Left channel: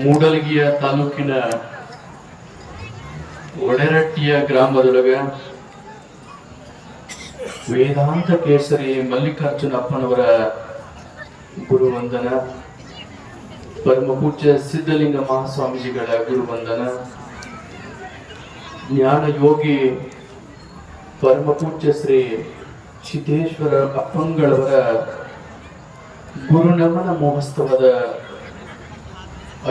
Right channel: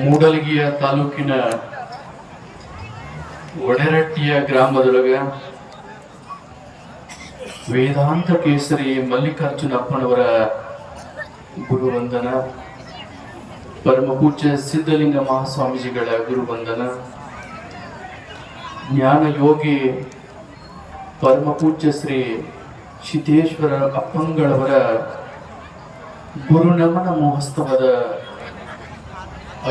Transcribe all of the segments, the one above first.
ಮೂಡಲಗಿಯ ತಾಲೂಕಿನ ಒಡೆರಟ್ಟಿಯ ಗ್ರಾಮದೊಳಗ ವೇದಾಂತ ಕೇಸರಿ ಮಲ್ಲಿಕಾರ್ಜುನಪ್ಪನವರ ಗುರುವಂದನ, ಪರಮಪೂಜ್ಯ ಸಿದ್ಧಲಿಂಗ ಮಹಾಸ್ವಾಮೀಜಿಗಳ ಗುರುವಂದನ, ಜ್ಞಾನ ಯೋಗಿ ಪರಮಪೂಜ್ಯ ಶ್ರೀ ಸಿದ್ದೇಶ್ವರ ಅಪ್ಪಂಗಳವರ ಗುರುನಮನ ಮಹೋತ್ಸವದ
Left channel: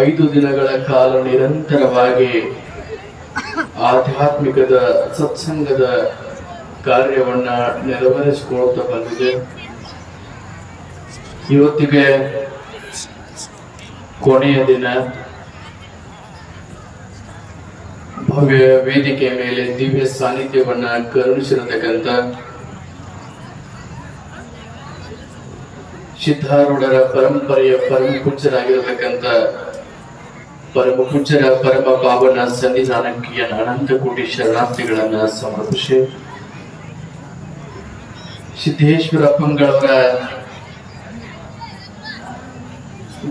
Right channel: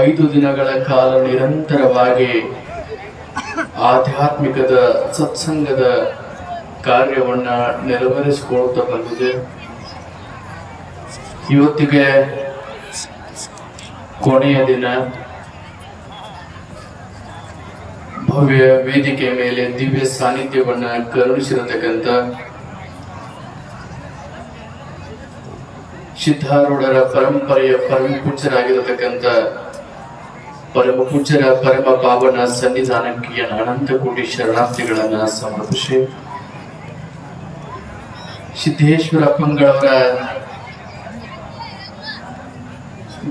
5 ದಿನಗಳ ಕಾಲ ನಿರಂತರವಾಗಿ ಆಧ್ಯಾತ್ಮಿಕದ ಸತ್ಸಂಗದ ಕಾರ್ಯವನ್ನ ನೆರವೇರಿಸಿಕೊಳ್ಳುತ್ತಾ ಬಂದಿದೆ. ಇವತ್ತಿಗೆ ಕೊನೆಯ ದಿನ. ಭವ್ಯ ವೇದಿಕೆ ಮೇಲೆ ದಿವ್ಯ ಸಾನ್ನಿಧ್ಯವನ್ನ ಕರುಣಿಸಿರತಕ್ಕಂಥ ಸಿದ್ಧಾರೂಢರ ಪರಂಪರೆಯ ಪರಮ ಪೂಜ್ಯರಾಗಿರತಕ್ಕಂಥ ಪರಮ ಪೂಜ್ಯರ ಪರಮ ಪಾವನ ಸನ್ನಿಧಾನಕ್ಕೆ ಅನಂತ ಕೋಟಿ ಶರಣಾರ್ಥಿಗಳನ್ನ ಸಮರ್ಪಿಸಿ, ಸಿದ್ದೇಶ್ವರ ಅಪ್ಪಂಗಳವರ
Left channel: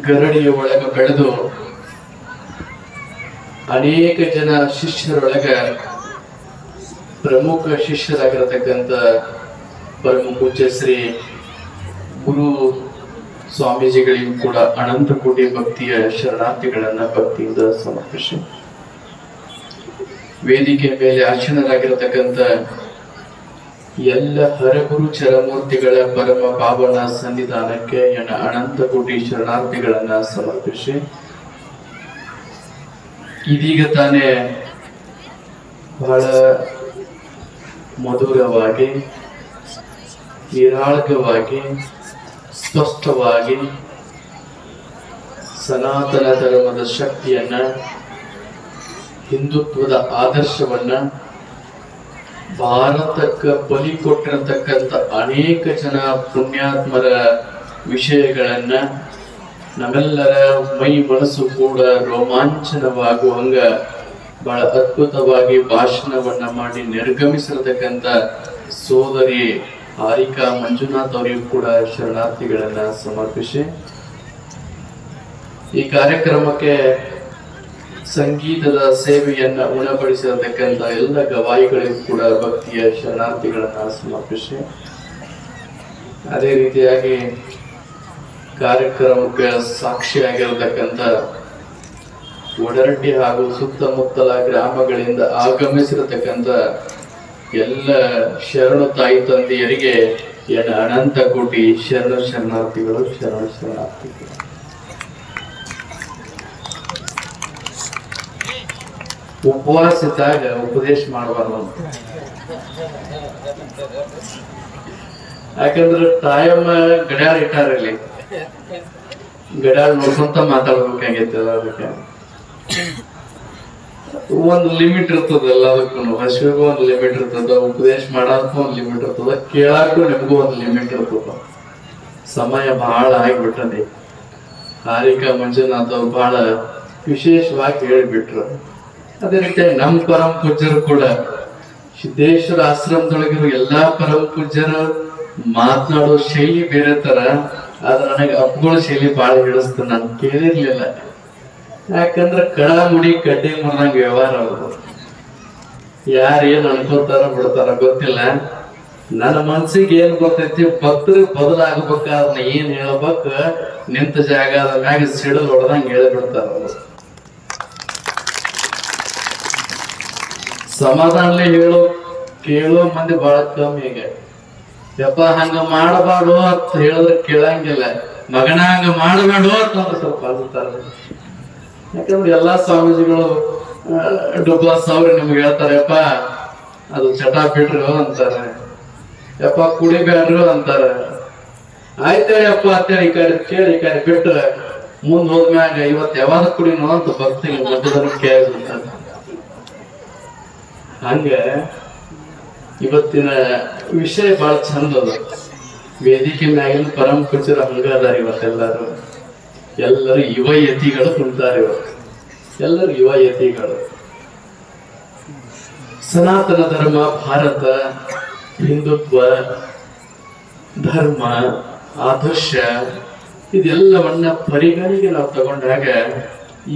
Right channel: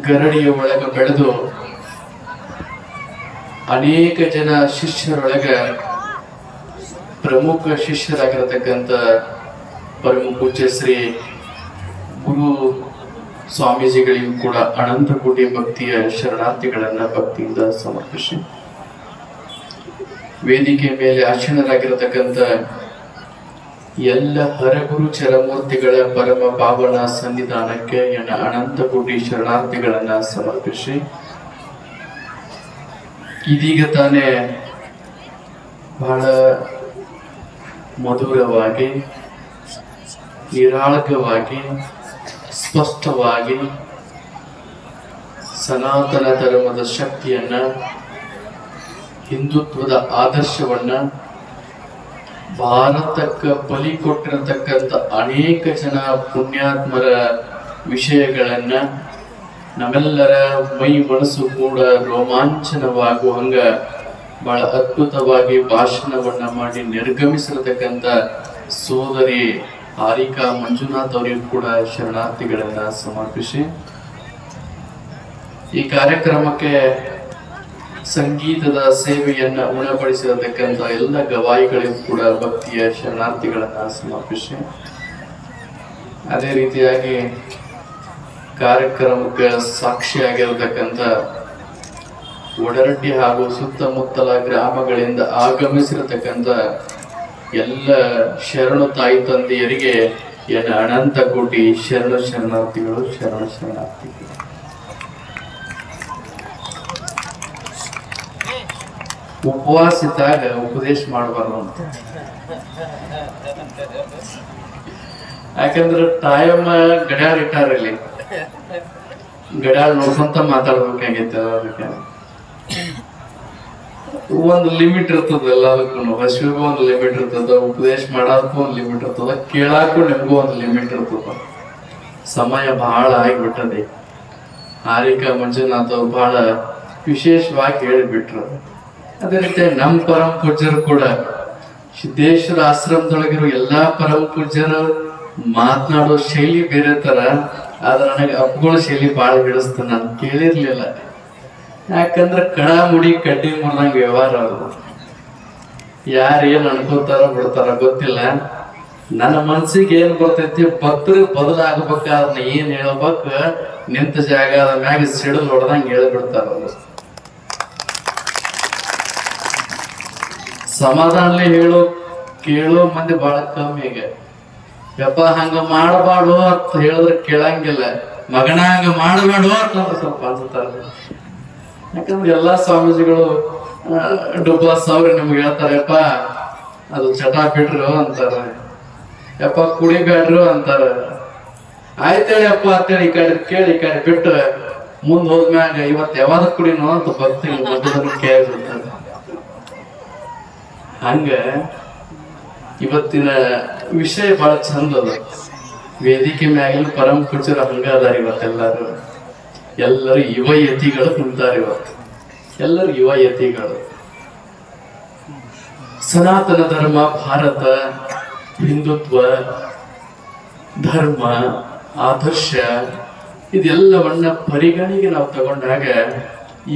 ಗರಡಿಯ ಒಳಗ ಬೆಳೆದು ಅನೇಕ ಜನ ಶಿಷ್ಯರೊಳಗ ಪ್ರಮುಖ ಶಿಷ್ಯರಾಗಿರತಕ್ಕಂಥ ಪರಮ ಪೂಜ್ಯ ಶ್ರೀ ಗುರು ಸ್ವಾಮೀಜಿಗಳಿಗೂ ಕೂಡ ಅನಂತ ಕೋಟಿ ಭಕ್ತಿಯ ಶರಣಾರ್ಥಿಗಳನ್ನ ಭಕ್ತಿಯಿಂದ ಸಮರ್ಪಿಸಿ, ವೇದಿಕೆ ಮೇಲೆ ಆಸೀನರಾಗಿರತಕ್ಕಂಥ ಎಲ್ಲ ಹರಗುರು ಚರಮೂರ್ತಿಗಳ ಪರಮ ಪಾವನ ಸನ್ನಿಧಾನಕ್ಕೆ ನನ್ನ ಅನಂತ ಕೋಟಿ ಶರಣಾರ್ಥಿಗಳನ್ನ ಸಮರ್ಪಿಸಿ, ಇದೀಗ ತಾನೇ ಬಹಳ ಮಧುರವಾಗಿ, ನಿರಾಳಕವಾಗಿ, ಸ್ಪಷ್ಟವಾಗಿ ಸನಾತನ ಧರ್ಮದ ಶಕ್ತಿಯನ್ನ, ಹಿಂದುತ್ವದ ಆದರ್ಶವನ್ನ, ಭಾರತಕ್ಕೆ ಬಲಿ ಕೊಟ್ಟಿರತಕ್ಕಂಥ ಅನೇಕ ಜನ ಪುಣ್ಯಾತ್ಮರ ವಿಷಯಗಳನ್ನ ನಮ್ಮೆಲ್ಲರ ಮೈ ಮನಸ್ಸು ಕೂಡ ರೋಮಾಂಚನವಾಗುವಂಗ ಬಹಳ ಅದ್ಭುತವಾಗಿ ಭಾಷಣವನ್ನ ಮಾಡಿ ನಿರ್ಗಮಿಸಿರತಕ್ಕಂಥ ಸೋದರಿ ಹಾರಿಕಾ ಮಂಜುನಾಥ್ ಅವರಿಗೂ ಕೂಡ ಶರಣಾರ್ಥಿಗಳನ್ನ ಸಮರ್ಪಿಸಿ, ಈ ಕಾರ್ಯಕ್ರಮಕ್ಕೆ ಸಂಗೀತದ ಸೇವೆಯನ್ನ ಉಣಪಡಿಸಿರತಕ್ಕಂಥ ಎಲ್ಲ ಗವಾಯಿಗಳಿಗೂ ಕೂಡ ಭಕ್ತಿಯ ಶರಣಾರ್ಥಿಗಳನ್ನ ಸಮರ್ಪಿಸಿ, ಅದೇ ರೀತಿಯಾಗಿ ಕಾರ್ಯಕ್ರಮಕ್ಕೆ ಸಾಕ್ಷಿಯಾಗಿರತಕ್ಕಂಥ ಒಡರಟ್ಟಿ ಹಾಗೂ ಸುತ್ತಮುತ್ತಲ ಗ್ರಾಮಗಳಿಂದ ಆಗಮಿಸಿರತಕ್ಕಂಥ ಎಲ್ಲ ಶರಣು ತಾಯಿ ತಂದೆಯರಿಗೆ ಎನ್ನ ಅನಂತ ಕೋಟಿ ಶರಣಾರ್ಥಿಗಳು. ಉಪವಾಸ ಇದ್ದಾಗ ಉಪದೇಶ ಮಾಡಬಾರ್ದು ಅಂತ, ಯಾಕಂದ್ರೆ ತಾಯಮ್ಮ ಗಡ್ಯಾಳ ಇಟ್ಟಾರಲ್ಲಿ ಗಡ್ಯಾಳ ನೋಡ್ಕೊಂತ ಮಾತಾಡ್ಬೇಕಾಗೈತೆ. ಅದಕ್ಕೆ ಒಂದು ಲಿಮಿಟ್ ಇರ್ತದಲ್ಲ, ಅದಕ್ಕೂ ಹಸಿವಿಗೂ ಒಂದು ಲಿಮಿಟ್ ಇರ್ತದ, ಉಪದೇಶ ಮಾಡೋದಕ್ಕೂ ಒಂದು ಲಿಮಿಟ್ ಇರ್ತದ, ಕೇಳಕ್ಕೂ ನಿಮಗೂ ಒಂದು ಲಿಮಿಟ್ ಇರ್ತದ. ಸಮಯ ಬಹಳ ಆಗಿಬಿಟ್ಟದೆ. ಹಾರಿಕಾ ಮಂಜುನಾಥ್ ಅವ್ರು ಬಹಳ ವಿಶೇಷವಾಗಿ ಹೇಳಿಬಿಟ್ರು. ಅದೇ ರೀತಿ ನಮ್ಮ ಪರಮ ಪೂಜ್ಯರು ಕೂಡ ಸಿದ್ದೇಶ್ವರ ಆಶ್ರಮದೊಳಗಿರೋ ಎಲ್ಲಾ ಪರಮ ಪೂಜ್ಯರು ಮಾತನಾಡೋ ಶೈಲಿ ಬೇರೆ ತರ, ಆದ್ರೆ ನನಗೆ ಅಪ್ಪಗಳ ಶೈಲಿ ಬಹಳ ಹಿಡಿಸ್ತು. ನಾನು ಕೇಳಿರ್ಲಿಲ್ಲ, ಯಾಕಂದ್ರೆ ಕಣ ಮುಡಿ ಕಡ್ಡಿ ಮುರಿದಂಗ ವ್ಯವಹಾರ ಅವರು. ಯಾರು ಏನ್ ಅನ್ಕೋತಾರ ಬಿಡ್ತಾರ ಗೊತ್ತಿಲ್ಲ. ನನ್ನ ಮನ್ಸಿಗೆ ಏನ್ ಗೊತ್ತೈತಿ, ಭಕ್ತರಿಗೆ ಬದಲಾಗಬೇಕಾದ್ರೆ ಏನ್ ಹೇಳ್ಬೇಕು, ನಿಂತ ಜಾಗ ಮ್ಯಾಗ ಸಿಡಿದು ಹೊಡೆದಂಗ ಹೇಳ್ಬಿಡ್ತಾರ. ಸಮಾಧಾನಲೇ ಕೇಳೋ ಮಂದಿ ಬಹಳ ಕಮ್ಮಿ. ಈಗ ಯಪ್ಪ ಹಂಗ ಮಾಡಬಾರ್ದು ಅಂತ ಹೇಳಿದ್ರೆ ಕೇಳಂಗಿಲ್ಲ, ಮಗನ ಹಂಗ ಮಾಡಬಾರ್ದು ಅಂತ ಸ್ವಲ್ಪ ಅನ್ಸುತ್ತಾರೆ. ಯಾಕಂದ್ರೆ ಎಲ್ಲಾ ಸ್ವಾಮೀಜಿಗಳು ಡುಬ್ಬಾಸ್ ಅವ್ರು ನಿಮ್ಗೆ ಹೇಳ್ತಾರೆ, ಯಪ್ಪ ಅದು ಚಟ ಬಿಡ್ರು ಅಂತಾರೆ, ಯಪ್ಪ ಕುಡಿಬೇಡ್ರು ಅಂತಾರೆ. ಆಯ್ತೇಳಪ್ಪ ಅಂತೇಳಿ ಈ ಕಡೆ ಕೇಳಿ ಈ ಕಡೆ ಬಿಟ್ಟು ಮುಂದ್ ಹೋದ್ಮ್ಯಾಗ ಇವತ್ತು ಯಾವಾಗ ಕುಡಿನೋ ಅಂತ ಬರ್ತೀನಿ ಕೇಳಿರ್ತಾರೆ. ಹಂಗ ಇವತ್ತಿನ ವಿಷಯ ಬಹಳ ಚಂದ ಅದ. ವೇದಿಕೆ ಮ್ಯಾಗಿನ ಪರಮ ಪೂಜ್ಯರ ಹಂಗ ಅದಾರ. ಎಲ್ಲರೂ ಯುವ ಯತಿಗಳು ಕುಂತಾರೆ. ಎಲ್ಲರೂ ಯುವ ಯತಿಗಳು. ಸನಾತನ ಧರ್ಮ, ಭಾರತ, ಹಿಂದುತ್ವ, ಧರ್ಮ, ಆದರ್ಶ ಇದೆಲ್ಲವನ್ನ ಪರಿಗಣಿಗೆ ನಾವು ತಗೊಂಡಾಗ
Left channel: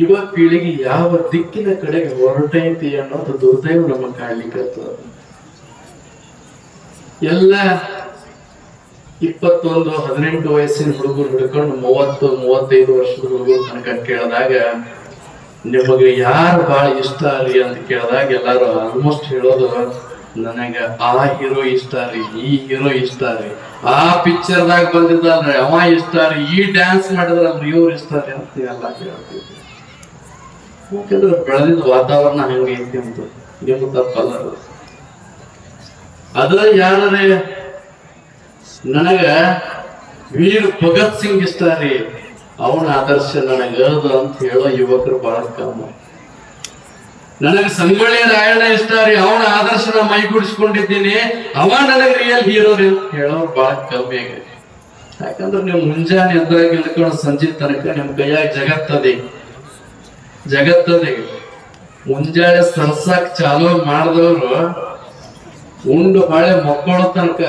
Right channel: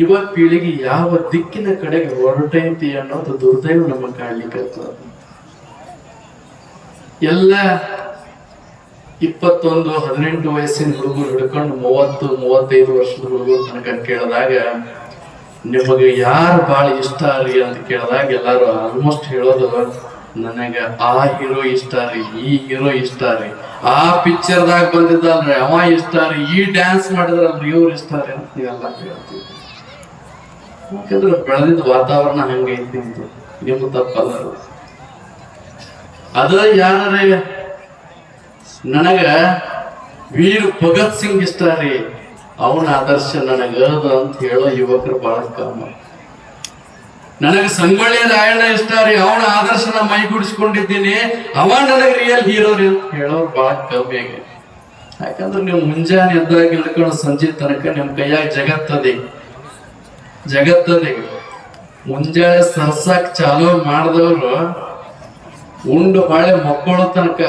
ಯುವ ಪೀಳಿಗೆ ಯಾವ ದಿಕ್ಕಿನ ಕಡೆಗೆ ಹೊರಟೈತಿ ಅನ್ನೋದು ದುರ್ದೈವ ನಮಗೆ ಕಾಡ್ಲಿಕ್ಕತ್ತದ. ಎಲ್ಲ 21-18 ವಯಸ್ಸಿನ ಹುಡುಗರು ಹಿಡ್ಕೊಂಡು 30-35 ವರ್ಷದ ಹುಡುಗರು ತನಕ ಕೇಳಿದಾಗ ನಿಮಗೆ ಯಾರು ಬಹಳ ಇಷ್ಟ ರೀ ಅಂತ ಕೇಳಿದಾಗ ಎಲ್ಲಾರು ಆಲ್ಮೋಸ್ಟ್ ಹೇಳೋದು ನನಗ ಆ ಹೀರೋ ಇಷ್ಟ ರೀ, ಈ ಹೀರೋ ಇಷ್ಟ ರೀ, ಆ ಪಿಕ್ಚರ್ದಾಗ ಬಂದಿದ್ದಲ್ರಿ ಅವ ಇಷ್ಟ ರೀ, ಈ ಡ್ಯಾನ್ಸ್ ಮಾಡಿದ್ರಲ್ರಿ ಇವ್ರು ಇಷ್ಟ ರೀ ಅಂತ ನೀವೆಲ್ಲ ಹೇಳ್ತೀವಿ. ಯಾಕಂದ್ರೆ ಬೆಳೆದಿದ್ದ ವಾತಾವರಣ ಹಂಗೈತಿ ಅಂತ ನೀವು ತಪ್ಪಲ್ಲ. ಅದ ಯಾರೇ ನನಗ ವೀರ್ ಭಗತ್ ಸಿಂಗ್ ಇಷ್ಟ ರೀ, ಅವನ ಆದರ್ಶ ನನಗ ಅಂತ ಹೇಳೋ ಯುವಕರು ಬಹಳ ಕಮ್ಮಿ. ನನಗೆ ಸಂಗೊಳ್ಳಿ ರಾಯಣ್ಣ ಇಷ್ಟ ರೀ, ಅವನ ಆದರ್ಶನ ಮೈಗೂಡಿಸ್ಕೊಂಡಿದ್ದೀನಿ, ಅವ ನನಗೆ ರಿಯಲ್ ಹೀರೋ ರೀ ಅಂತ ಹೇಳೋರು ಬಹಳ ಕಮ್ಮಿ ಆಗಿದೆ. ಯಾಕಂದ್ರೆ ನೀವು ಮುಂಜಾನೆ ಎದ್ದಾಗ ಹಿಡ್ಕೊಂಡು ಸಂಜೆ ತನಕ ನಿಮ್ ಕೈಯಾಗ ಜಗತ್ತದೆ ಮುಂಜಾನೆ ಸರ್ಸಾಕ್ ಚಾಲೂ ಮಾಡಿದವರು ಉಂಡು ಬಾಳೆ ಮಕ್ಕಳು ತನಕ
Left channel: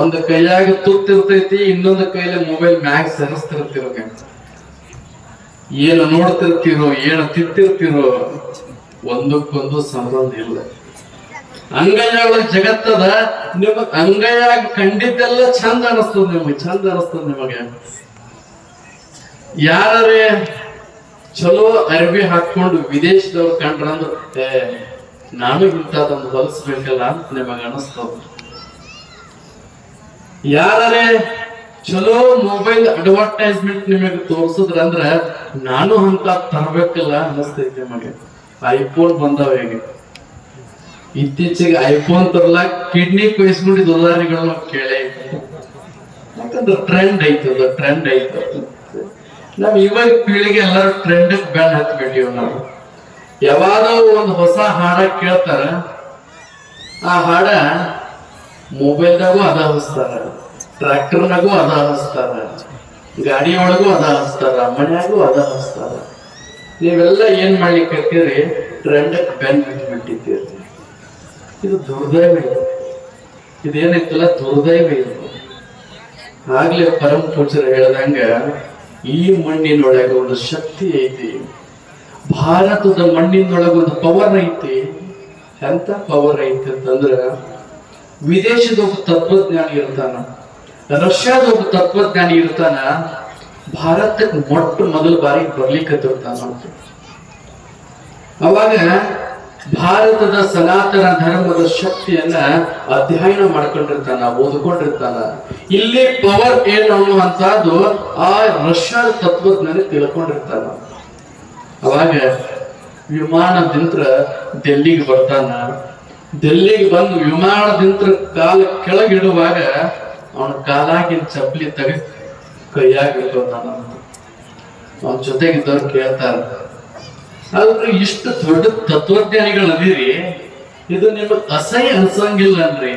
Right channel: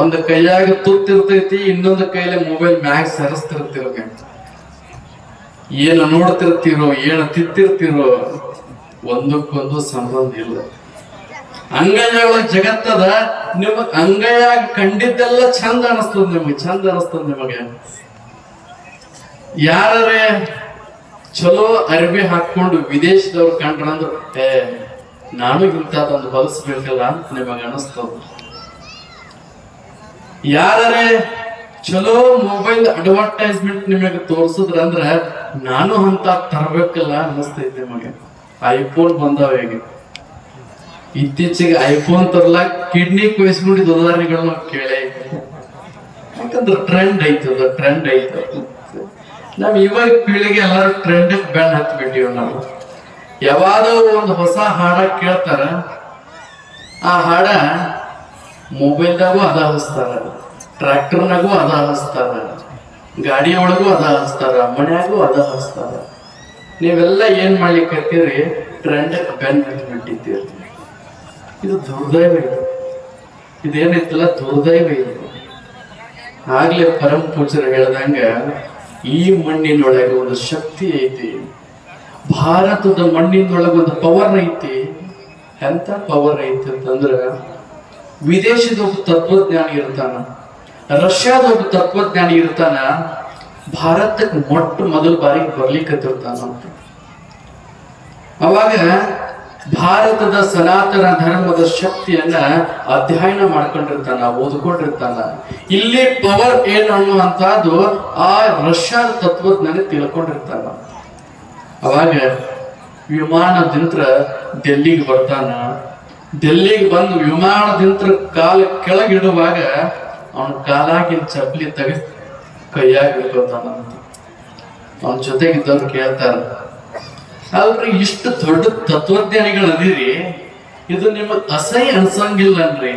ಒಂದು ಕೈಯಾಗ ತುತ್ತಿರ್ತೈತಿ, ಇನ್ನೊಂದು ಕೈಯಲ್ಲಿ ಮೊಬೈಲ್ ಮ್ಯಾಗ್ ಸರಿಸ್ತಿರ್ತಿರ್ಬೇಕು. ಏನು ನೋಡ್ತಿರ್ತೀರೋ, ಏನು ತಿಂತಿರ್ತೀರೋ ಒಂದಕ್ಕೊಂದು ಸಂಬಂಧ ಇಲ್ಲ. ಅಂಗೈಯಾಗ ಜಗತ್ತದ, ನಿಮ್ ಅಂಗೈಯಾಗ ಕಂಡಿದ್ದೆಲ್ಲ ಚಂದ ಅನಿಸ್ತದ, ನಿಮಗೆ ಯಾರೇ ಚಲೋ ಅರ್ಬಿ ಹಾಕೊಂಡು ವಿದೇಶದವ್ರು ಕಂಡ್ರಂದ್ರೆ ನಾನು ಇಂಥದೊಂದು ಹೊಲಿಸ್ಬೇಕಲ್ಲ ಅಂತ ನಿಮಗೆ ಅನಿಸ್ತದ. ಯಾರೇ ಚಲೋ ಮೊಬೈಲ್ ಅಡ್ವರ್ಟೈಸ್ಮೆಂಟ್ ನಿಮಗೆ ತೋರ್ಸಿದ್ರಂದ್ರೆ ನಾನು ಅಂತ ತರಬೇಕಲ್ಲ ಅನಿಸ್ತೈತಿ ನಿಮಗೆ. ಐಫೋನ್ ಬಂದವ ಈಗ, ಇತ್ತೀಚೆಗೆ ಐಫೋನ್ ತರ್ಲಾಕ ಕಿಡ್ನಿ ಕೊಯ್ಸ್ಕೊಂಡಿದ್ದ ಉದಾಹರಣೆಗಳು ನಾವು ಕೇಳೇ. ಯಾಕಂದ್ರೆ ಟ್ರೆಂಡ್ ಐತದ. ನಾವ್ ಇವಾಗ ಪೀಳಿಗೆ ಎಲ್ಲರೂ ಟ್ರೆಂಡ್ ಬೆನ್ ಹತ್ಬಿಟ್ಟಿವ್. ನಾವು ಯಾವಾಗೋ ಒಂದು ಹೊಸ ಹಾಡ ಕೇಳ್ತಾರ, ಆ ಹಾಡ ಮೊಬೈಲ್ದಾಗೂ ಅದ ಹಚ್ತಾರ, ಟ್ರ್ಯಾಕ್ಟರ್ನಾಗೂ ಅದ ಹಚ್ತಾರ, ಗಾಡಿ ಒಳಗೂ ಅದ ಹಚ್ತಾರ, ಮನ್ಯಾಗೂ ಅದ ಹಚ್ತಾರ. ನೀವೆಲ್ಲ ಏನ್ ಮಾಡ್ಲಿಕ್ಕೀರಿ? ಟ್ರೆಂಡ್ ಬೆನ್ ಹತ್ಬಿಟ್ಟಿದ್ದೀರಿ. ಇದು ದುರ್ದೈವ. ಇದೇನೈತಲ್ಲ ದುರ್ದೈವ ಇದು. ಆಗ್ಲೇ ಪರಮ ಪೂಜ್ಯರು ಹೇಳ್ದಂಗ ಈ ಮಣ್ಣಿನೊಳಗೆ ಒಂದು ಶಕ್ತಿ ಐತಿ, ಭಾರತದ ಮಣ್ಣಿನೊಳಗೆ ಒಂದು ಪವರ್ ಐತಿ. ಎಂತ ಪವರ್ ಐತಿ ಅಂತಂದ್ರ, ವಿದೇಶದ ಒಬ್ಬ ತತ್ವಜ್ಞಾನಿ ಇರ್ತಾನ, ರಷ್ಯಾದ ಒಬ್ಬ ತತ್ವಜ್ಞಾನಿ ಇರ್ತಾನ, ಭಾರತಕ್ಕೆ ಮೊದಲ ಬಾರಿ ಬರ್ಲಿಕ್ಕತ್ತಿರ್ತಾನ. ಅವಾಗ ಭಾರತದ ಸನಾತನ ಧರ್ಮದ ಶಕ್ತಿಯನ್ನ ಅಧ್ಯಯನ ಮಾಡ್ಕೊಂಡಿರ್ತಾನ, ಓದ್ಕೊಂಡಿರ್ತಾನ. ಇಲ್ಲಿ ಪವರ್ ಏನು ಅನ್ನುವಂತಹದ್ದು ಆ ರಷ್ಯಾದ ತತ್ವಜ್ಞಾನಿ ತಿಳ್ಕೊಂಡಿರ್ತಾನ. ಅವಾಗ ವಿಮಾನದಿಂದ ಡೆಲ್ಲಿಗೆ ಬರ್ತಾನ. ಡೆಲ್ಲಿಗೆ ಬಂದು ವಿಮಾನದಿಂದ ಕಾಲ ಕೆಳಗಿಡುವಾಗ ಅವನ ಕಾಲಾಗಿನ ಚಪ್ಪಲಿ ತೆಗೆದು ಕೈಯಾಗ ಇಟ್ಕೊತಾನ. ಅವನ ಜೊತೆಗಿದ್ದವ್ರು ಕೇಳ್ತಾರ, ಆದ್ರೆ ಇಷ್ಟು ದೊಡ್ಡ ತತ್ವಜ್ಞಾನಿಗಳು ಅದೀರಿ, ಇದು ನಿಮಗೆ ಅಸಹ್ಯ ಅನ್ಸಂಗಿಲ್ಲನ್ರಿ?